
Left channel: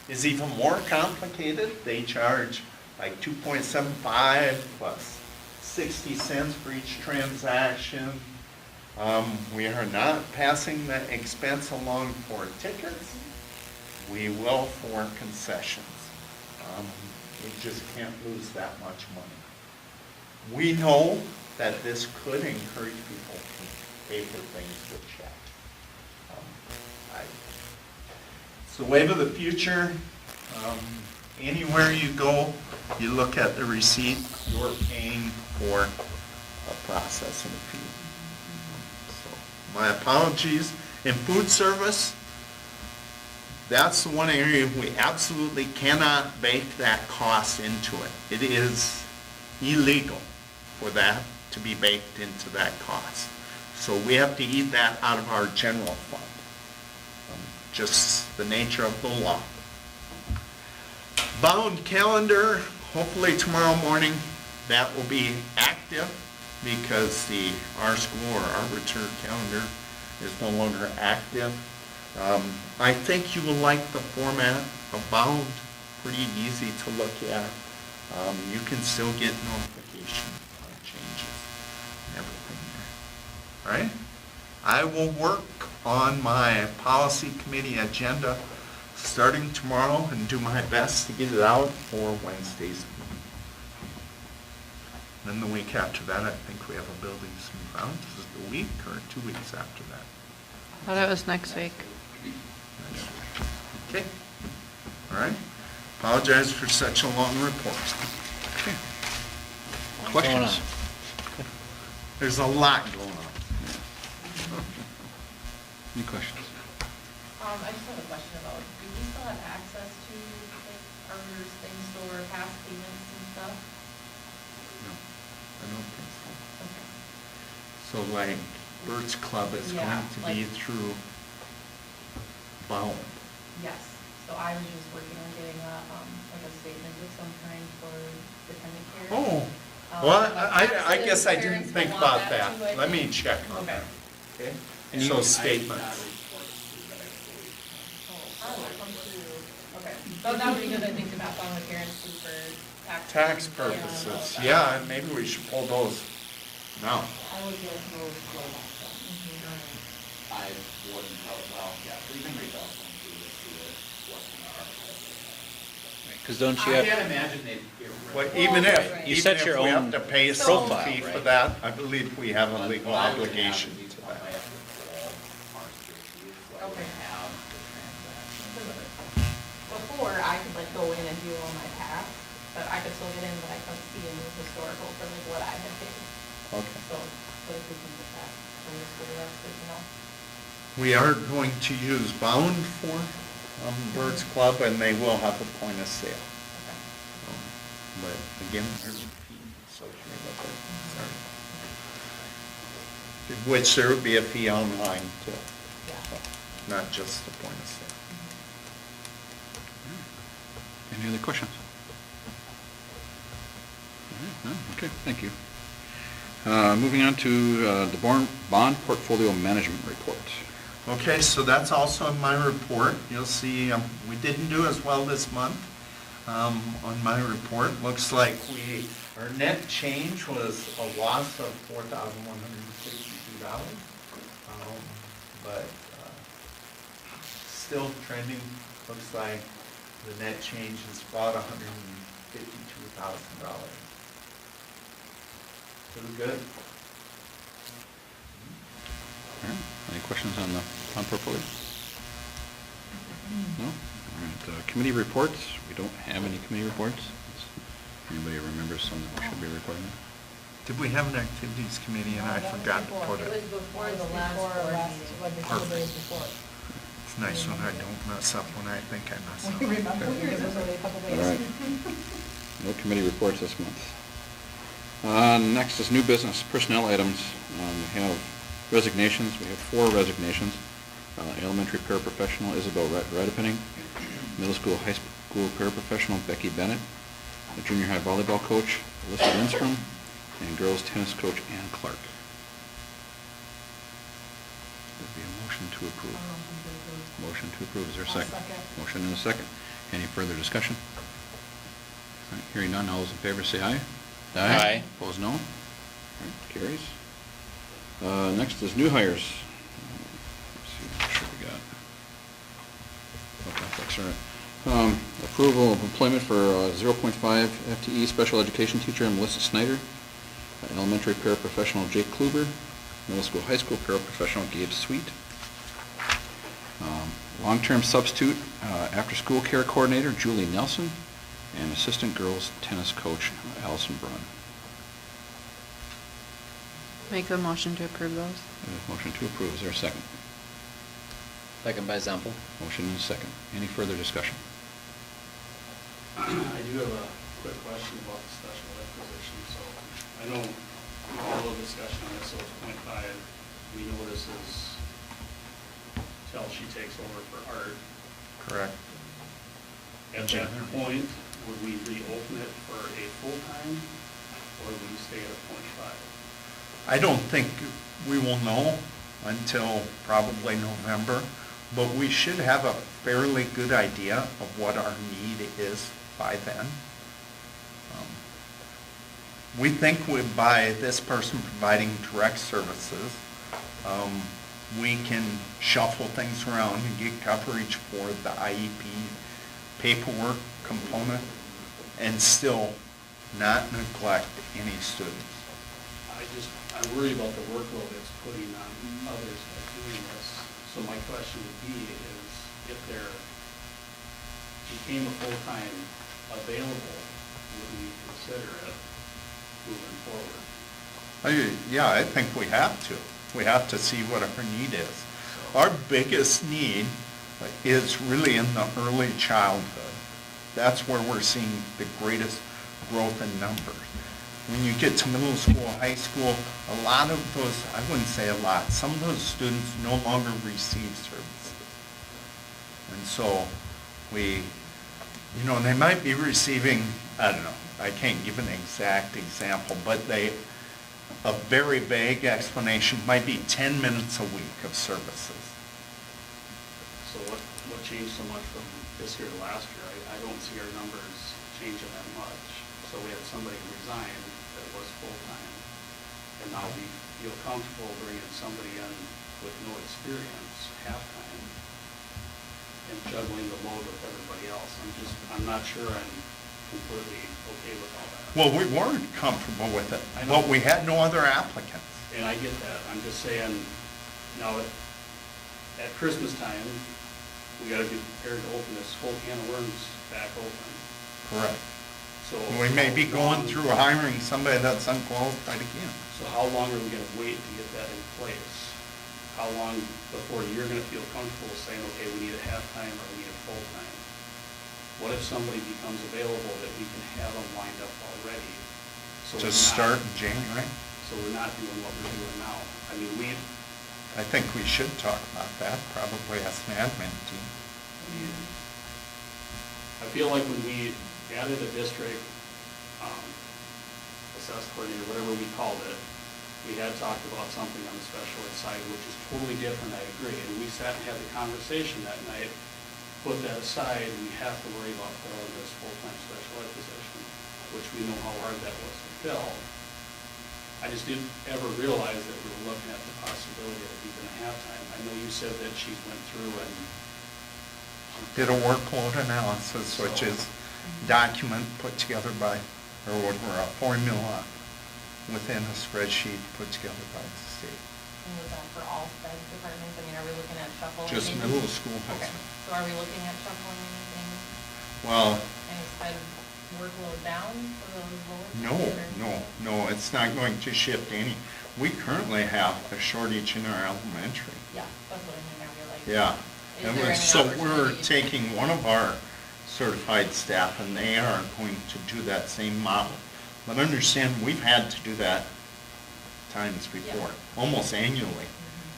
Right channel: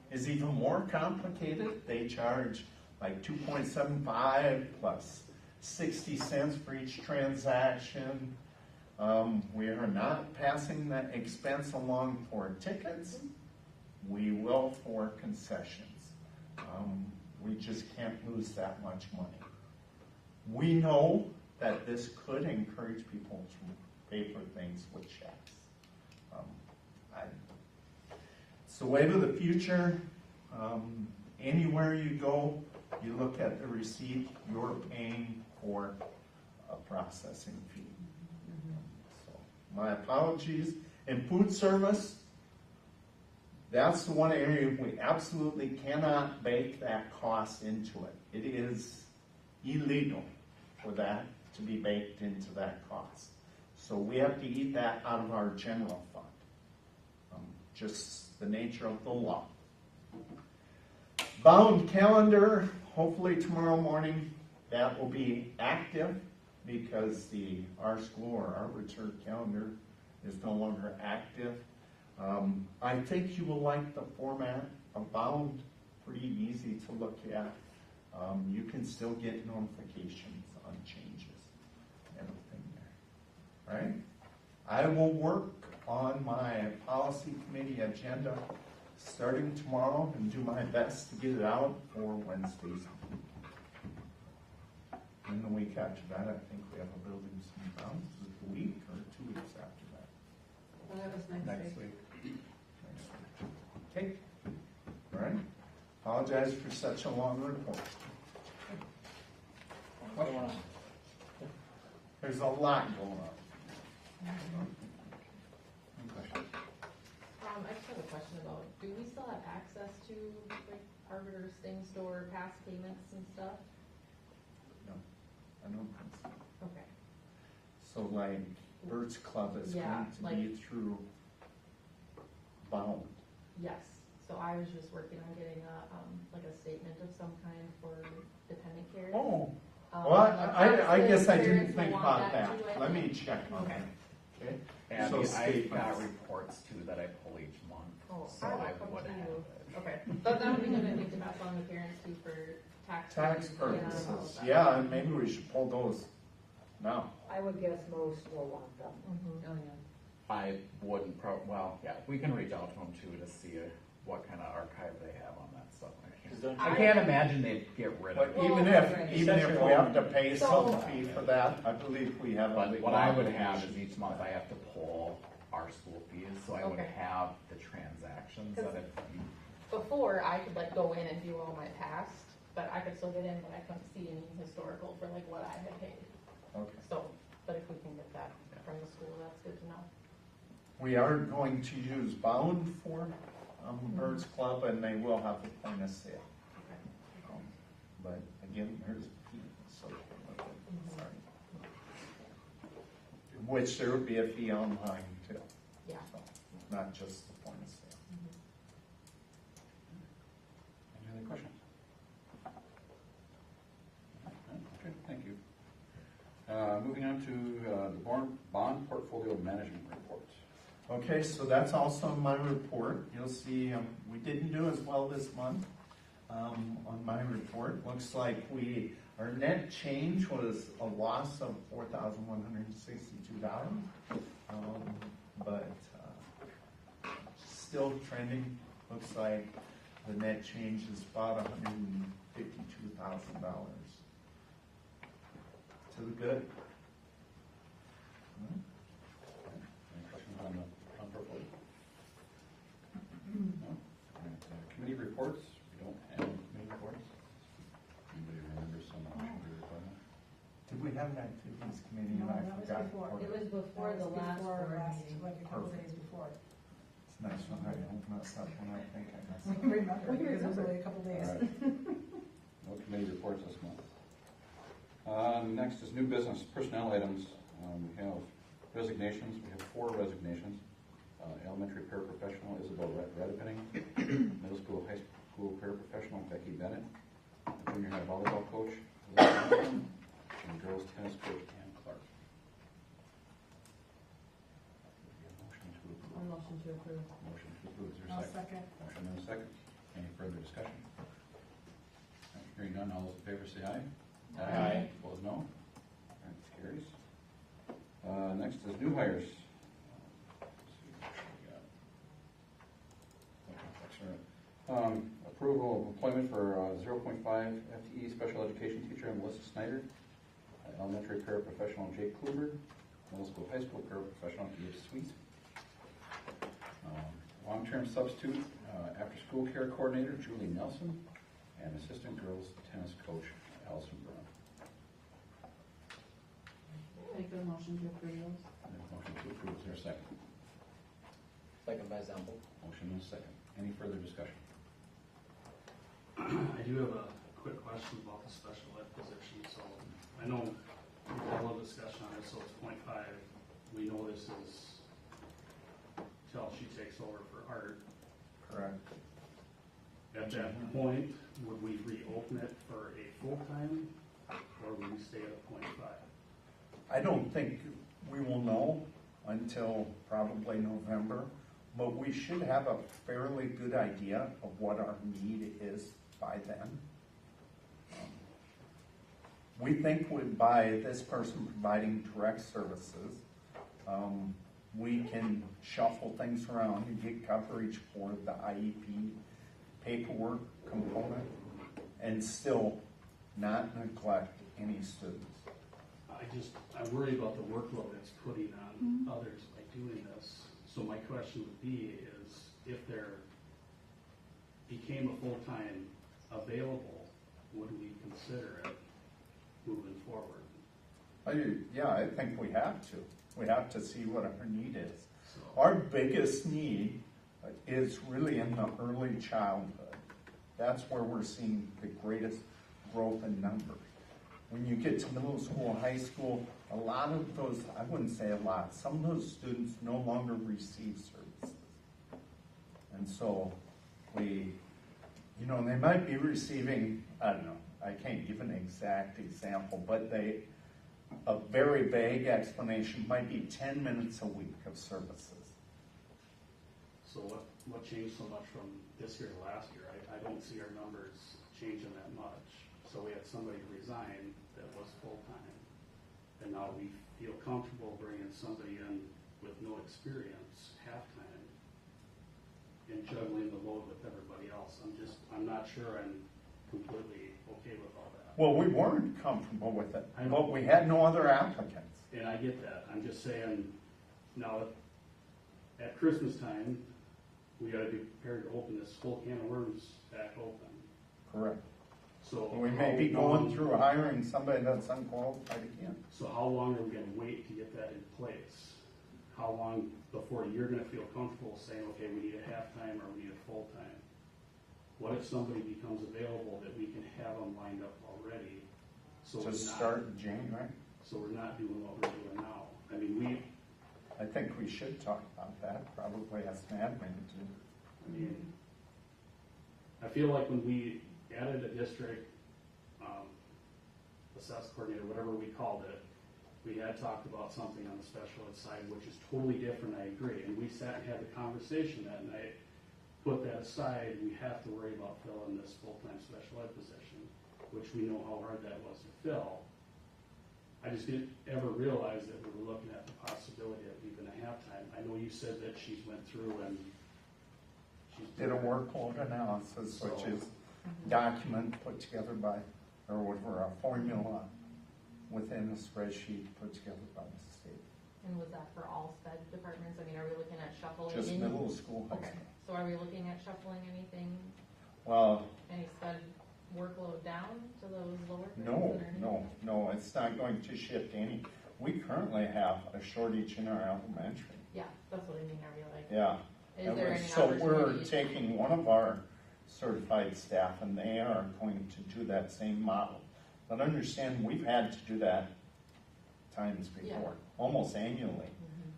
is even more complicated. They charge like 2.75 plus 60 cents for each transaction. We are not passing the expense along for tickets. We will for concessions. We just can't lose that much money. We know that this could encourage people to pay for things with checks. It's the wave of the future. Anywhere you go, you look at the receipt, you're paying for a processing fee. So my apologies. In food service, that's the one area we absolutely cannot bake that cost into it. It is illegal for that to be baked into that cost. So we have to eat that out of our general fund. Just the nature of the law. Bound calendar, hopefully tomorrow morning that will be active because our school or our return calendar is no longer active. I think you will like the format of Bound, pretty easy to look at. You can still get notification on changes and everything there. All right? I will work on my policy committee agenda starting tomorrow and do my best to get it out for Wednesday's meeting. Then the week after that, I think we have a buildings and grounds. Is it the week or 2 weeks after that? I thought it was next week. Okay. All right. Apologize for such a long report. Okay. What's going Questions? on? There's a lot going on. Any questions? I just have a question about, do we still have access to, like, Arbiter's thing store, past payments and stuff? No, I don't think so. Okay. So like Bird's Club is Yeah, going to be like- through Bound. Yes, so I was just working on getting like a statement of some kind for dependent care. Oh, Um, well, but I guess I parents didn't think will want about that. too, I Let me think. check on Okay. that. Okay? So statements. Okay, so that would be good, I think, to pass on to parents too for tax. Tax purposes, yeah, and maybe we should pull those now. I would get those I wouldn't, well, yeah, we can reach out to them too to see what kind of archive they have on that stuff. Because don't you I have, can't imagine they'd get rid Well, of it. even if, You even set if your we have own to pay some profile, fee for right? that, I believe we have a legal What I would have obligation is each to month I that. have to pull RSVP, so I would Okay. have the transaction. Before, I could like go in and do all my tasks, but I could still get in, but I couldn't see any historical for like what I had paid. Okay. So, but if we can put that for the school, that's good to know. We are going to use Bound for Birds Club, and they will have a point of sale. But again, there's a fee associated with it. Which there would be a fee online too, so, not just the point of sale. Any other questions? All right, no? Okay, thank you. Moving on to the bond portfolio management report. Okay, so that's also in my report. You'll see, we didn't do as well this month. On my report, looks like our net change was a loss of $4,162. But still trending, looks like the net change is about $152,000. Pretty good. All right, any questions on the bond portfolio? No? All right, committee reports, we don't have any committee reports. Anybody remembers some that should be recorded? Did we have an activities committee and I forgot to put It it? was before the last board meeting, when the Perfect. before. It's nice when I don't mess up when I think I mess When up. you remember, because it was only a couple days. All right. No committee reports this month. Next is new business, personnel items. We have resignations, we have 4 resignations. Elementary paraprofessional Isabel Reddepenning, middle school, high school paraprofessional Becky Bennett, the junior high volleyball coach Alyssa Lindstrom, and girls tennis coach Ann Clark. There'd be a motion to approve. Motion to approve, is there a I'll second? second. Motion and a second. Any further discussion? All right, hearing none, all those in favor say aye. Aye. Opposed, no. All right, carries. Next is new hires. Let's see, what should we got? Okay, that's all right. Approval of employment for 0.5 FTE special education teacher Melissa Snyder, elementary paraprofessional Jake Kluber, middle school, high school paraprofessional Gabe Sweet, long-term substitute after-school care coordinator Julie Nelson, and assistant girls tennis coach Allison Brunn. Make a motion to approve those. Motion to approve, is there a second? second by Zempel? Motion and a second. Any further discussion? I do have a quick question about the special ed position. So I know we had a little discussion on this, so it's .5. We know this is till she takes over for art. Correct. At that point, would we reopen it for a full-time, or would we stay at .5? I don't think we will know until probably November, but we should have a fairly good idea of what our need is by then. We think by this person providing direct services, we can shuffle things around and get coverage for the IEP paperwork component and still not neglect any students. I worry about the workload it's putting on others by doing this. So my question would be is, if there became a full-time available, would we consider it moving forward? Yeah, I think we have to. We have to see what our need is. Our biggest need is really in the early childhood. That's where we're seeing the greatest growth in numbers. When you get to middle school, high school, a lot of those, I wouldn't say a lot, some of those students no longer receive services. And so they might be receiving, I don't know, I can't give an exact example, but a very vague explanation might be 10 minutes a week of services. So what changed so much from this year to last year? I don't see our numbers changing that much. So we had somebody resign that was full-time, and now we feel comfortable bringing somebody in with no experience, half-time. and juggling the load with everybody else. I'm not sure I'm completely okay with all that. Well, we weren't comfortable with it, I know. but we had no other applicants. And I get that. I'm just saying, now, at Christmas time, we gotta be prepared to open this whole can of worms back open. Correct. So. We may be going through hiring somebody that's unqualified again. So how long are we gonna wait to get that in place? How long before you're gonna feel comfortable saying, okay, we need a half-time or we need a full-time? What if somebody becomes available that we can have them lined up already? So To we're not- start in January, So we're not doing what we're doing now. I mean, I think we should talk about that, probably as an admin team. I feel like when we added a district, assessed coordinator, whatever we called it, we had talked about something on the special ed side, which is totally different, I agree. And we sat and had the conversation that night, put that aside, and we have to worry about filling this full-time special ed position, which we know how hard that was to fill. I just didn't ever realize that we were looking at the possibility of even a half-time. I know you said that she went through and Did a workload analysis, which is document put together by, or what were a formula within a spreadsheet put together by the state. And was that for all sped departments? I mean, are we looking at shuffling? Just anything? middle school, high Okay, school. so are we looking at shuffling anything, Well, any sped workload down for those lower? no, grades, or- no, it's not going to shift any. We currently have a shortage in our elementary. Yeah, that's what I mean, I realize. Yeah. Is And there any so we're opportunity? taking one of our certified staff and they are going to do that same model. But understand, we've had to do that times before, almost annually.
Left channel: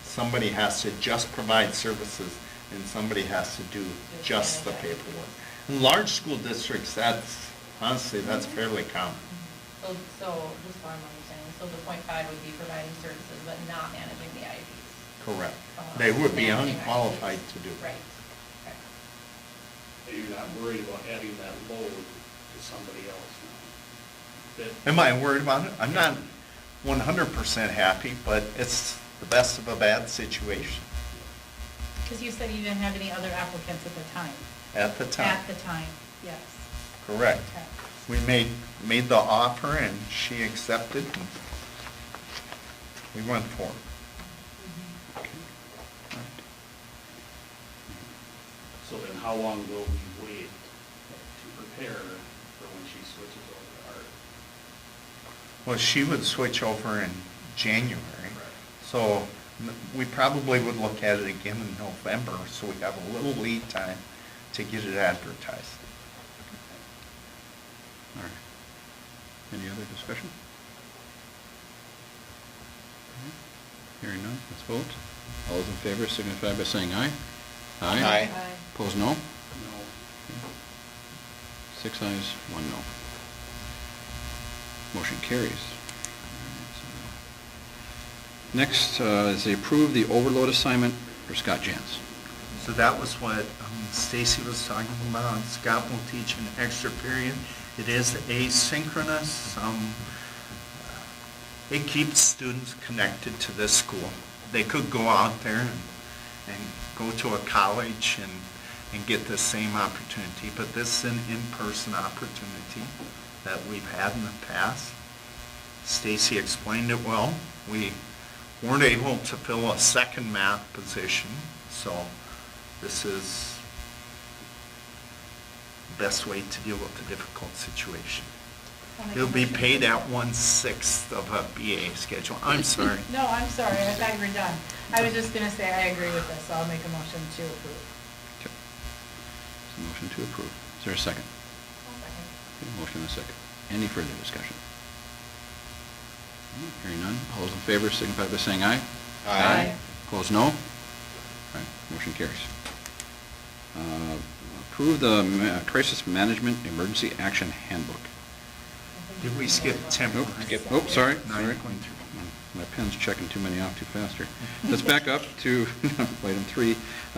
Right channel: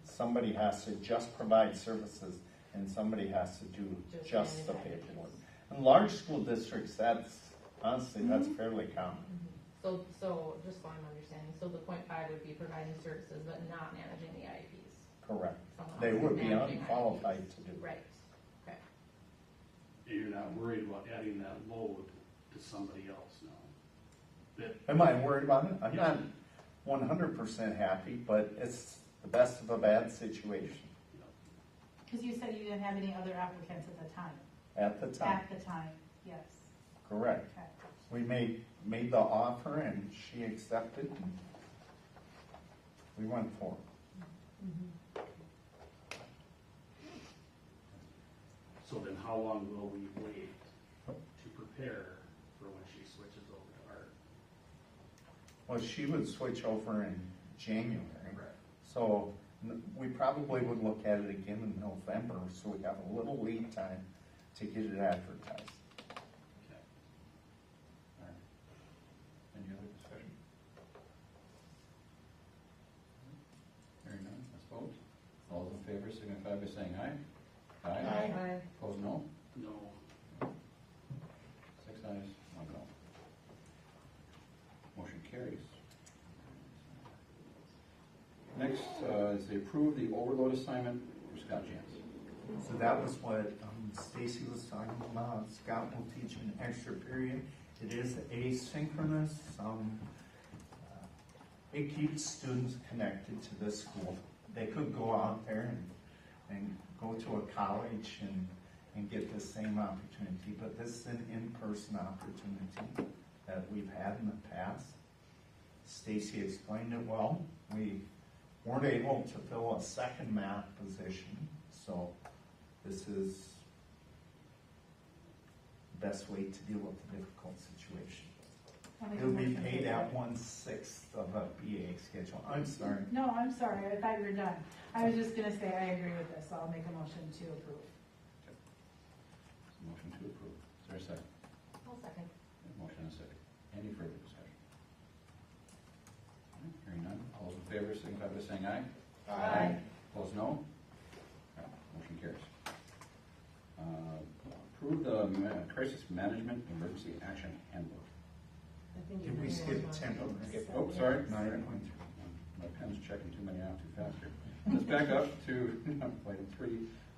Somebody has to just provide services and somebody has to do just the paperwork. In large school districts, honestly, that's fairly common. So, just so I'm understanding, so the .5 would be providing services but not managing the IEPs? Correct. Someone They else would be managing unqualified IEPs. to do it. Right, okay. that you're not worried about adding that load to somebody else now. That- Am I worried about it? I'm not 100% happy, but it's the best of a bad situation Because you said you didn't have any other applicants at the time. at the time. At the time, yes. Correct. Okay. We made the offer and she accepted and we went for it. So then how long will we wait to prepare for when she switches over to art? Well, she would switch over in January. So we probably would look at it again in November, so we have a little lead time to get it advertised. All right. Any other discussion? Hearing none, let's vote. All those in favor signify by saying aye. Aye. Opposed, no? No. 6 ayes, 1 no. Motion carries. Next is they approve the overload assignment for Scott Jans. So that was what Stacy was talking about. Scott will teach an extra period. It is asynchronous. It keeps students connected to this school. They could go out there and go to a college and get the same opportunity, but this is an in-person opportunity that we've had in the past. Stacy explained it well. We weren't able to fill a second math position, so this is the best way to deal with a difficult situation. It'll be paid at 1/6 of a BA schedule. I'm sorry. No, I'm sorry, I thought you were done. I was just gonna say I agree with this, so I'll make a motion to approve. Okay. So motion to approve. Is there a second? Okay, motion and a second. Any further discussion? Hearing none, all those in favor signify by saying aye. Aye. Opposed, no? All right, motion carries. Approve the Crisis Management Emergency Action Handbook. Did we skip temporary? Oh, sorry, No, sorry. you're going through. My pen's checking too many off too fast here. Let's back up to item 3,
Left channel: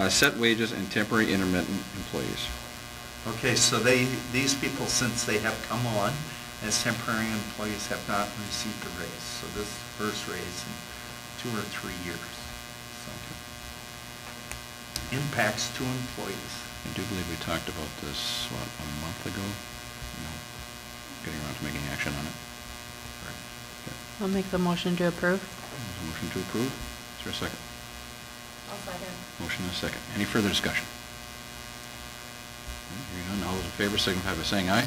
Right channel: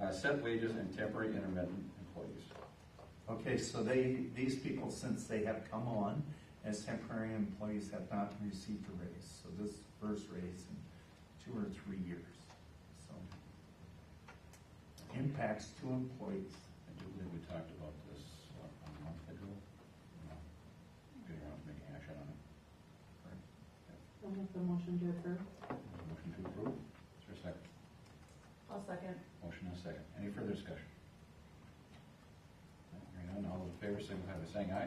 set wages and temporary intermittent employees. Okay, so these people, since they have come on as temporary employees, have not received a raise. So this is the first raise in 2 or 3 years. So impacts to employees. I do believe we talked about this, what, a month ago? Getting around to making action on it. Okay. I'll make the motion to approve. There's a motion to approve. Is there a second? I'll second. Motion and a second. Any further discussion? Hearing none, all those in favor signify by saying aye.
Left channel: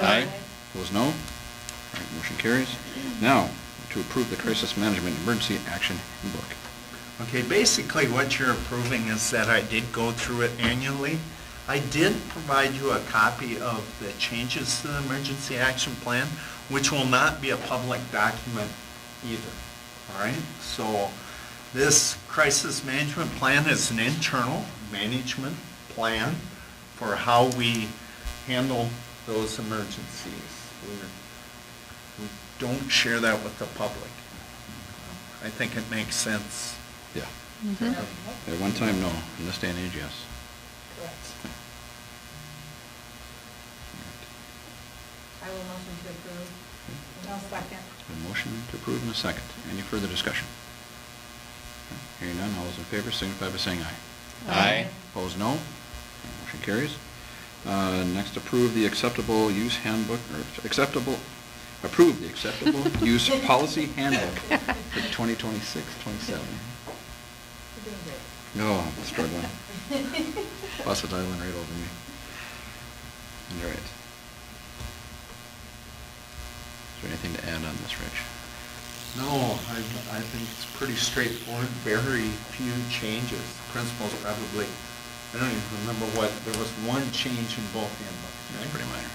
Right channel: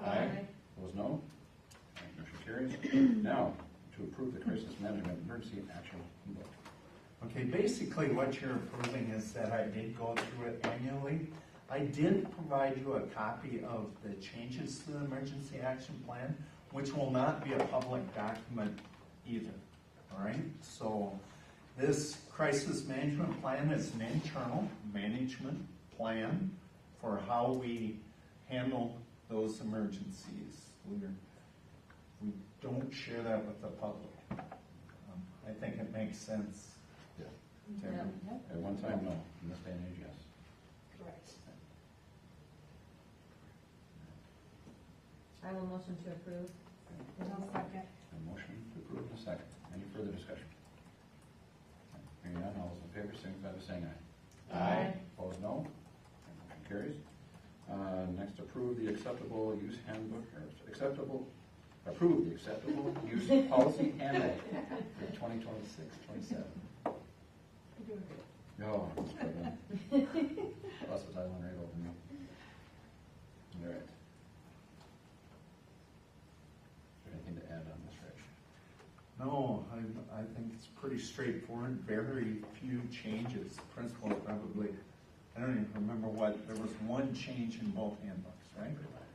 Aye. Opposed, no. All right, motion carries. Now, to approve the Crisis Management Emergency Action Handbook. Okay, basically what you're approving is that I did go through it annually. I did provide you a copy of the changes to the emergency action plan, which will not be a public document either, all right? So this crisis management plan is an internal management plan for how we handle those emergencies. We don't share that with the public. I think it makes sense. Yeah. Mhm. At one time, no. In this day and age, yes. Correct. I will motion to approve. I'll second. A motion to approve and a second. Any further discussion? Hearing none, all those in favor signify by saying aye. Aye. Opposed, no. Motion carries. Next, approve the acceptable use handbook, or approve the acceptable use policy handbook for 2026, 27. You're doing great. No, I'm struggling. Plus it's island right over me. All right. Is there anything to add on this, Rich? No, I think it's pretty straightforward, very few changes. Principals probably, I don't even remember what, there was one change in both handbooks, It's right? pretty minor.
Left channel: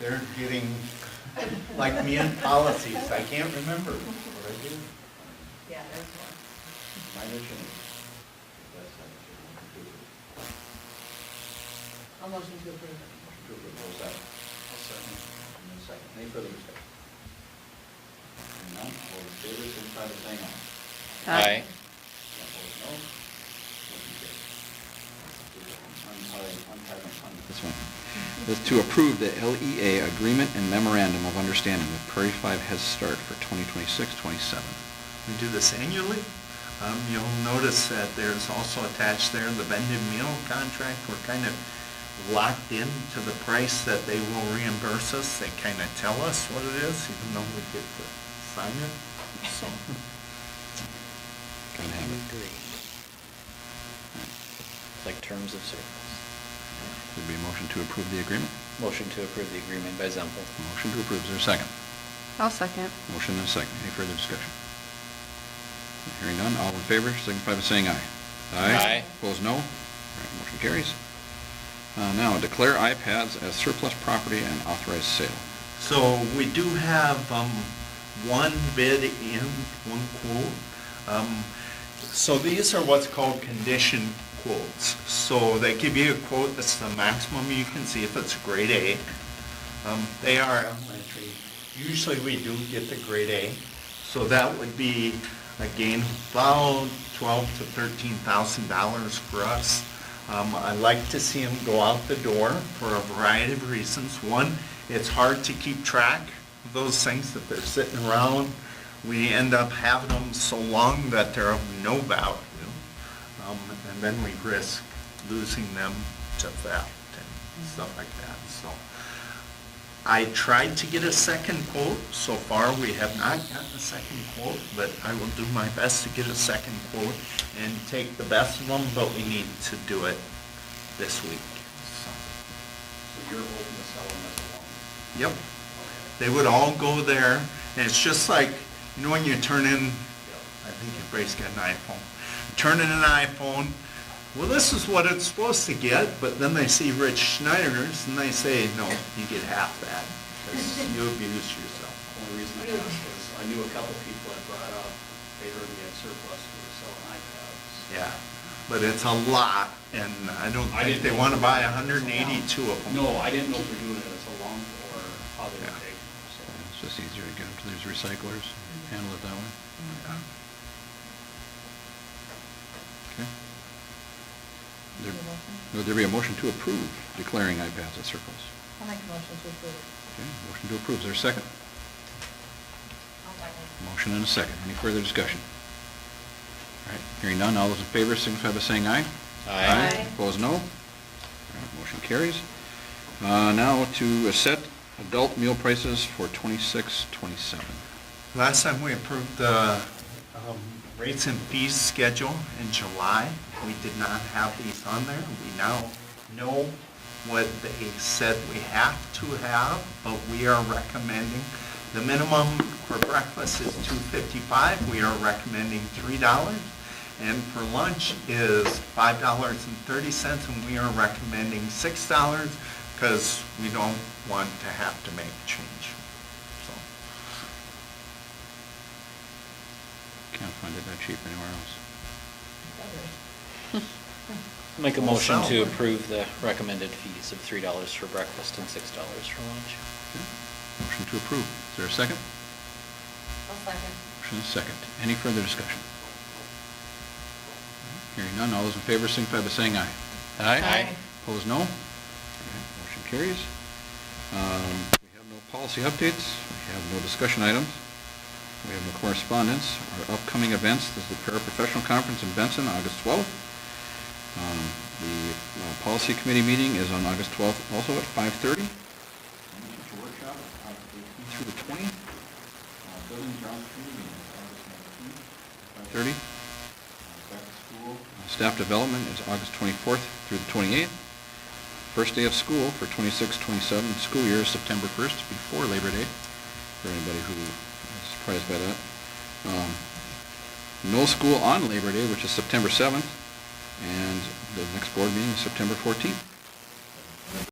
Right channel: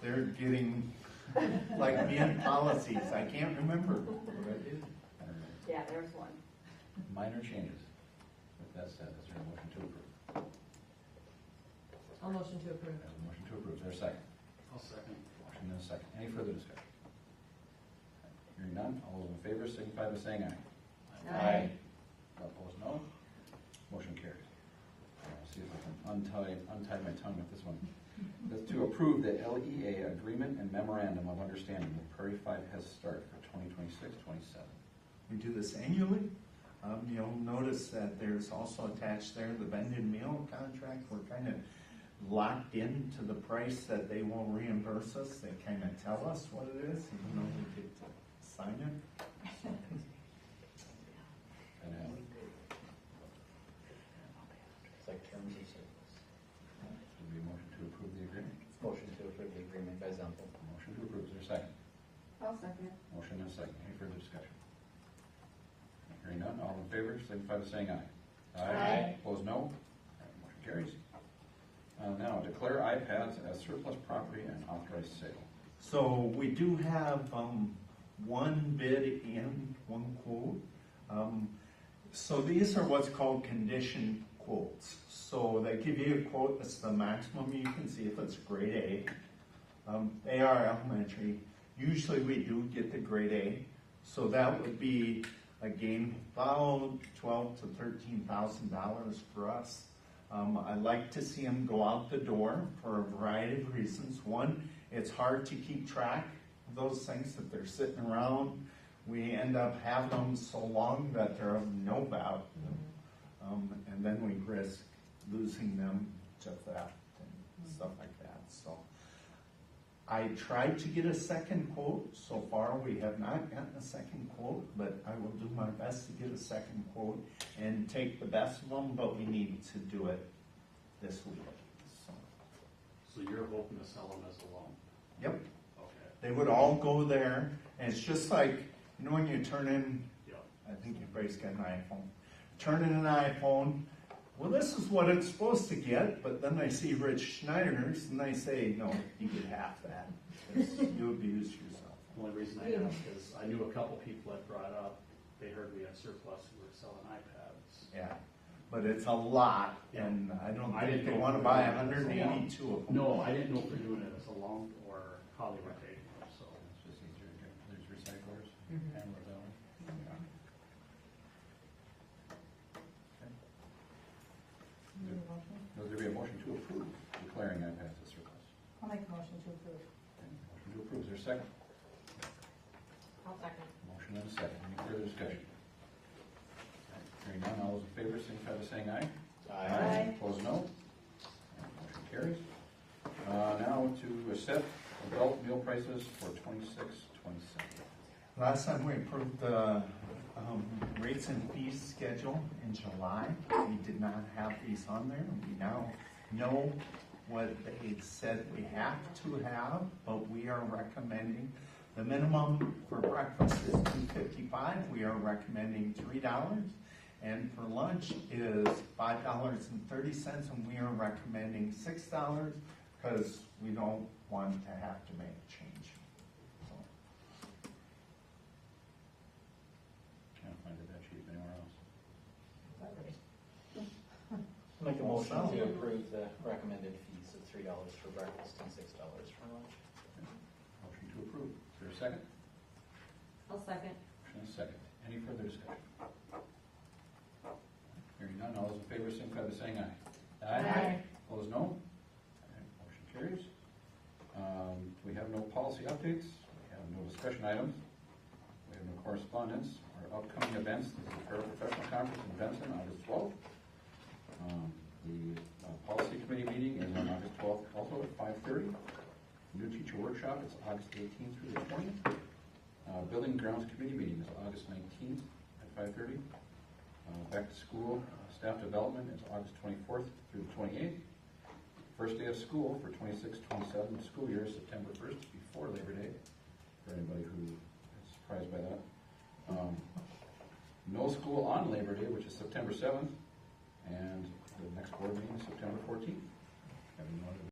They're getting, like me in policies, I can't remember what I did. Yeah, there's one. Minor change. I'll motion to approve. I'll second. Any further discussion? Hearing none, all in favor, signify by saying aye. Aye. Opposed, no. Motion carries. This one. This is to approve the LEA Agreement and Memorandum of Understanding with Prairie 5 Head Start for 2026-27. We do this annually. You'll notice that there's also attached there the vended meal contract. We're kind of locked into the price that they will reimburse us. They kind of tell us what it is, even though we get to sign it. So, Gotta have it. Like terms of service. Would be a motion to approve the agreement. Motion to approve the agreement by Zempel. Motion to approve. Is there a second? I'll second. Motion and a second. Any further discussion? Hearing none, all in favor, signify by saying aye. Aye. Opposed, no. All right, motion carries. Now, declare iPads as surplus property and authorize sale. so we do have one bid in, one quote. So these are what's called condition quotes. So they give you a quote that's the maximum you can see if it's grade A. They are elementary. Usually we do get the grade A. So that would be, again, about $12,000 to $13,000 for us. I like to see them go out the door for a variety of reasons. One, it's hard to keep track of those things that they're sitting around. We end up having them so long that they're of no value. And then we risk losing them to theft and stuff like that. So I tried to get a second quote. So far, we have not gotten a second quote, but I will do my best to get a second quote and take the best of them, but we need to do it this week. So, So you're hoping to sell them as a loan? yep. They would all go there, and it's just like, you know when you turn in, I think your Brace got an iPhone. Turn in an iPhone, well, this is what it's supposed to get, but then they see Rich Schneider's and they say, no, you get half that, because you abused yourself. The only reason I asked is I knew a couple people that brought up, they heard we had surplus, we were selling iPads. Yeah, but it's a lot, and I don't I think didn't they know want to if buy it was a 182 of them. No, I didn't know if we're doing it as a loan or how they would Yeah. take them, so. It's just easier to get them to these recyclers, handle it that way. Yeah. Okay. Would there be a motion to approve declaring iPads as surplus? I'll make a motion to approve. Okay, motion to approve. Is there a second? I'll Motion and a second. Any further discussion? All right, hearing none, all those in favor signify by saying aye. Aye. Opposed, no. All right, motion carries. Now to set adult meal prices for 26-27. Last time we approved the rates and fees schedule in July. We did not have these on there. We now know what they said we have to have, but we are recommending, the minimum for breakfast is $2.55. We are recommending $3. And for lunch is $5.30, and we are recommending $6 because we don't want to have to make a change. So, Can't find it that cheap anywhere else. Make a motion to approve the recommended fees of $3 for breakfast and $6 for lunch. Okay. Motion to approve. Is there a second? One second. Motion is second. Any further discussion? Hearing none, all those in favor signify by saying aye. Aye. Opposed, no. All right, motion carries. We have no policy updates. We have no discussion items. We have no correspondence. Our upcoming events, this is the paraprofessional conference in Benson, August 12th. The policy committee meeting is on August 12th, also at 5:30. Teacher workshop, August 18th through the 20th. Building and grounds committee meeting is August 19th, 5:30. Back to school. Staff development is August 24th through the 28th. First day of school for 26-27 school year is September 1st, before Labor Day, for anybody who is surprised by that. No school on Labor Day, which is September 7th, and the next board meeting is September 14th.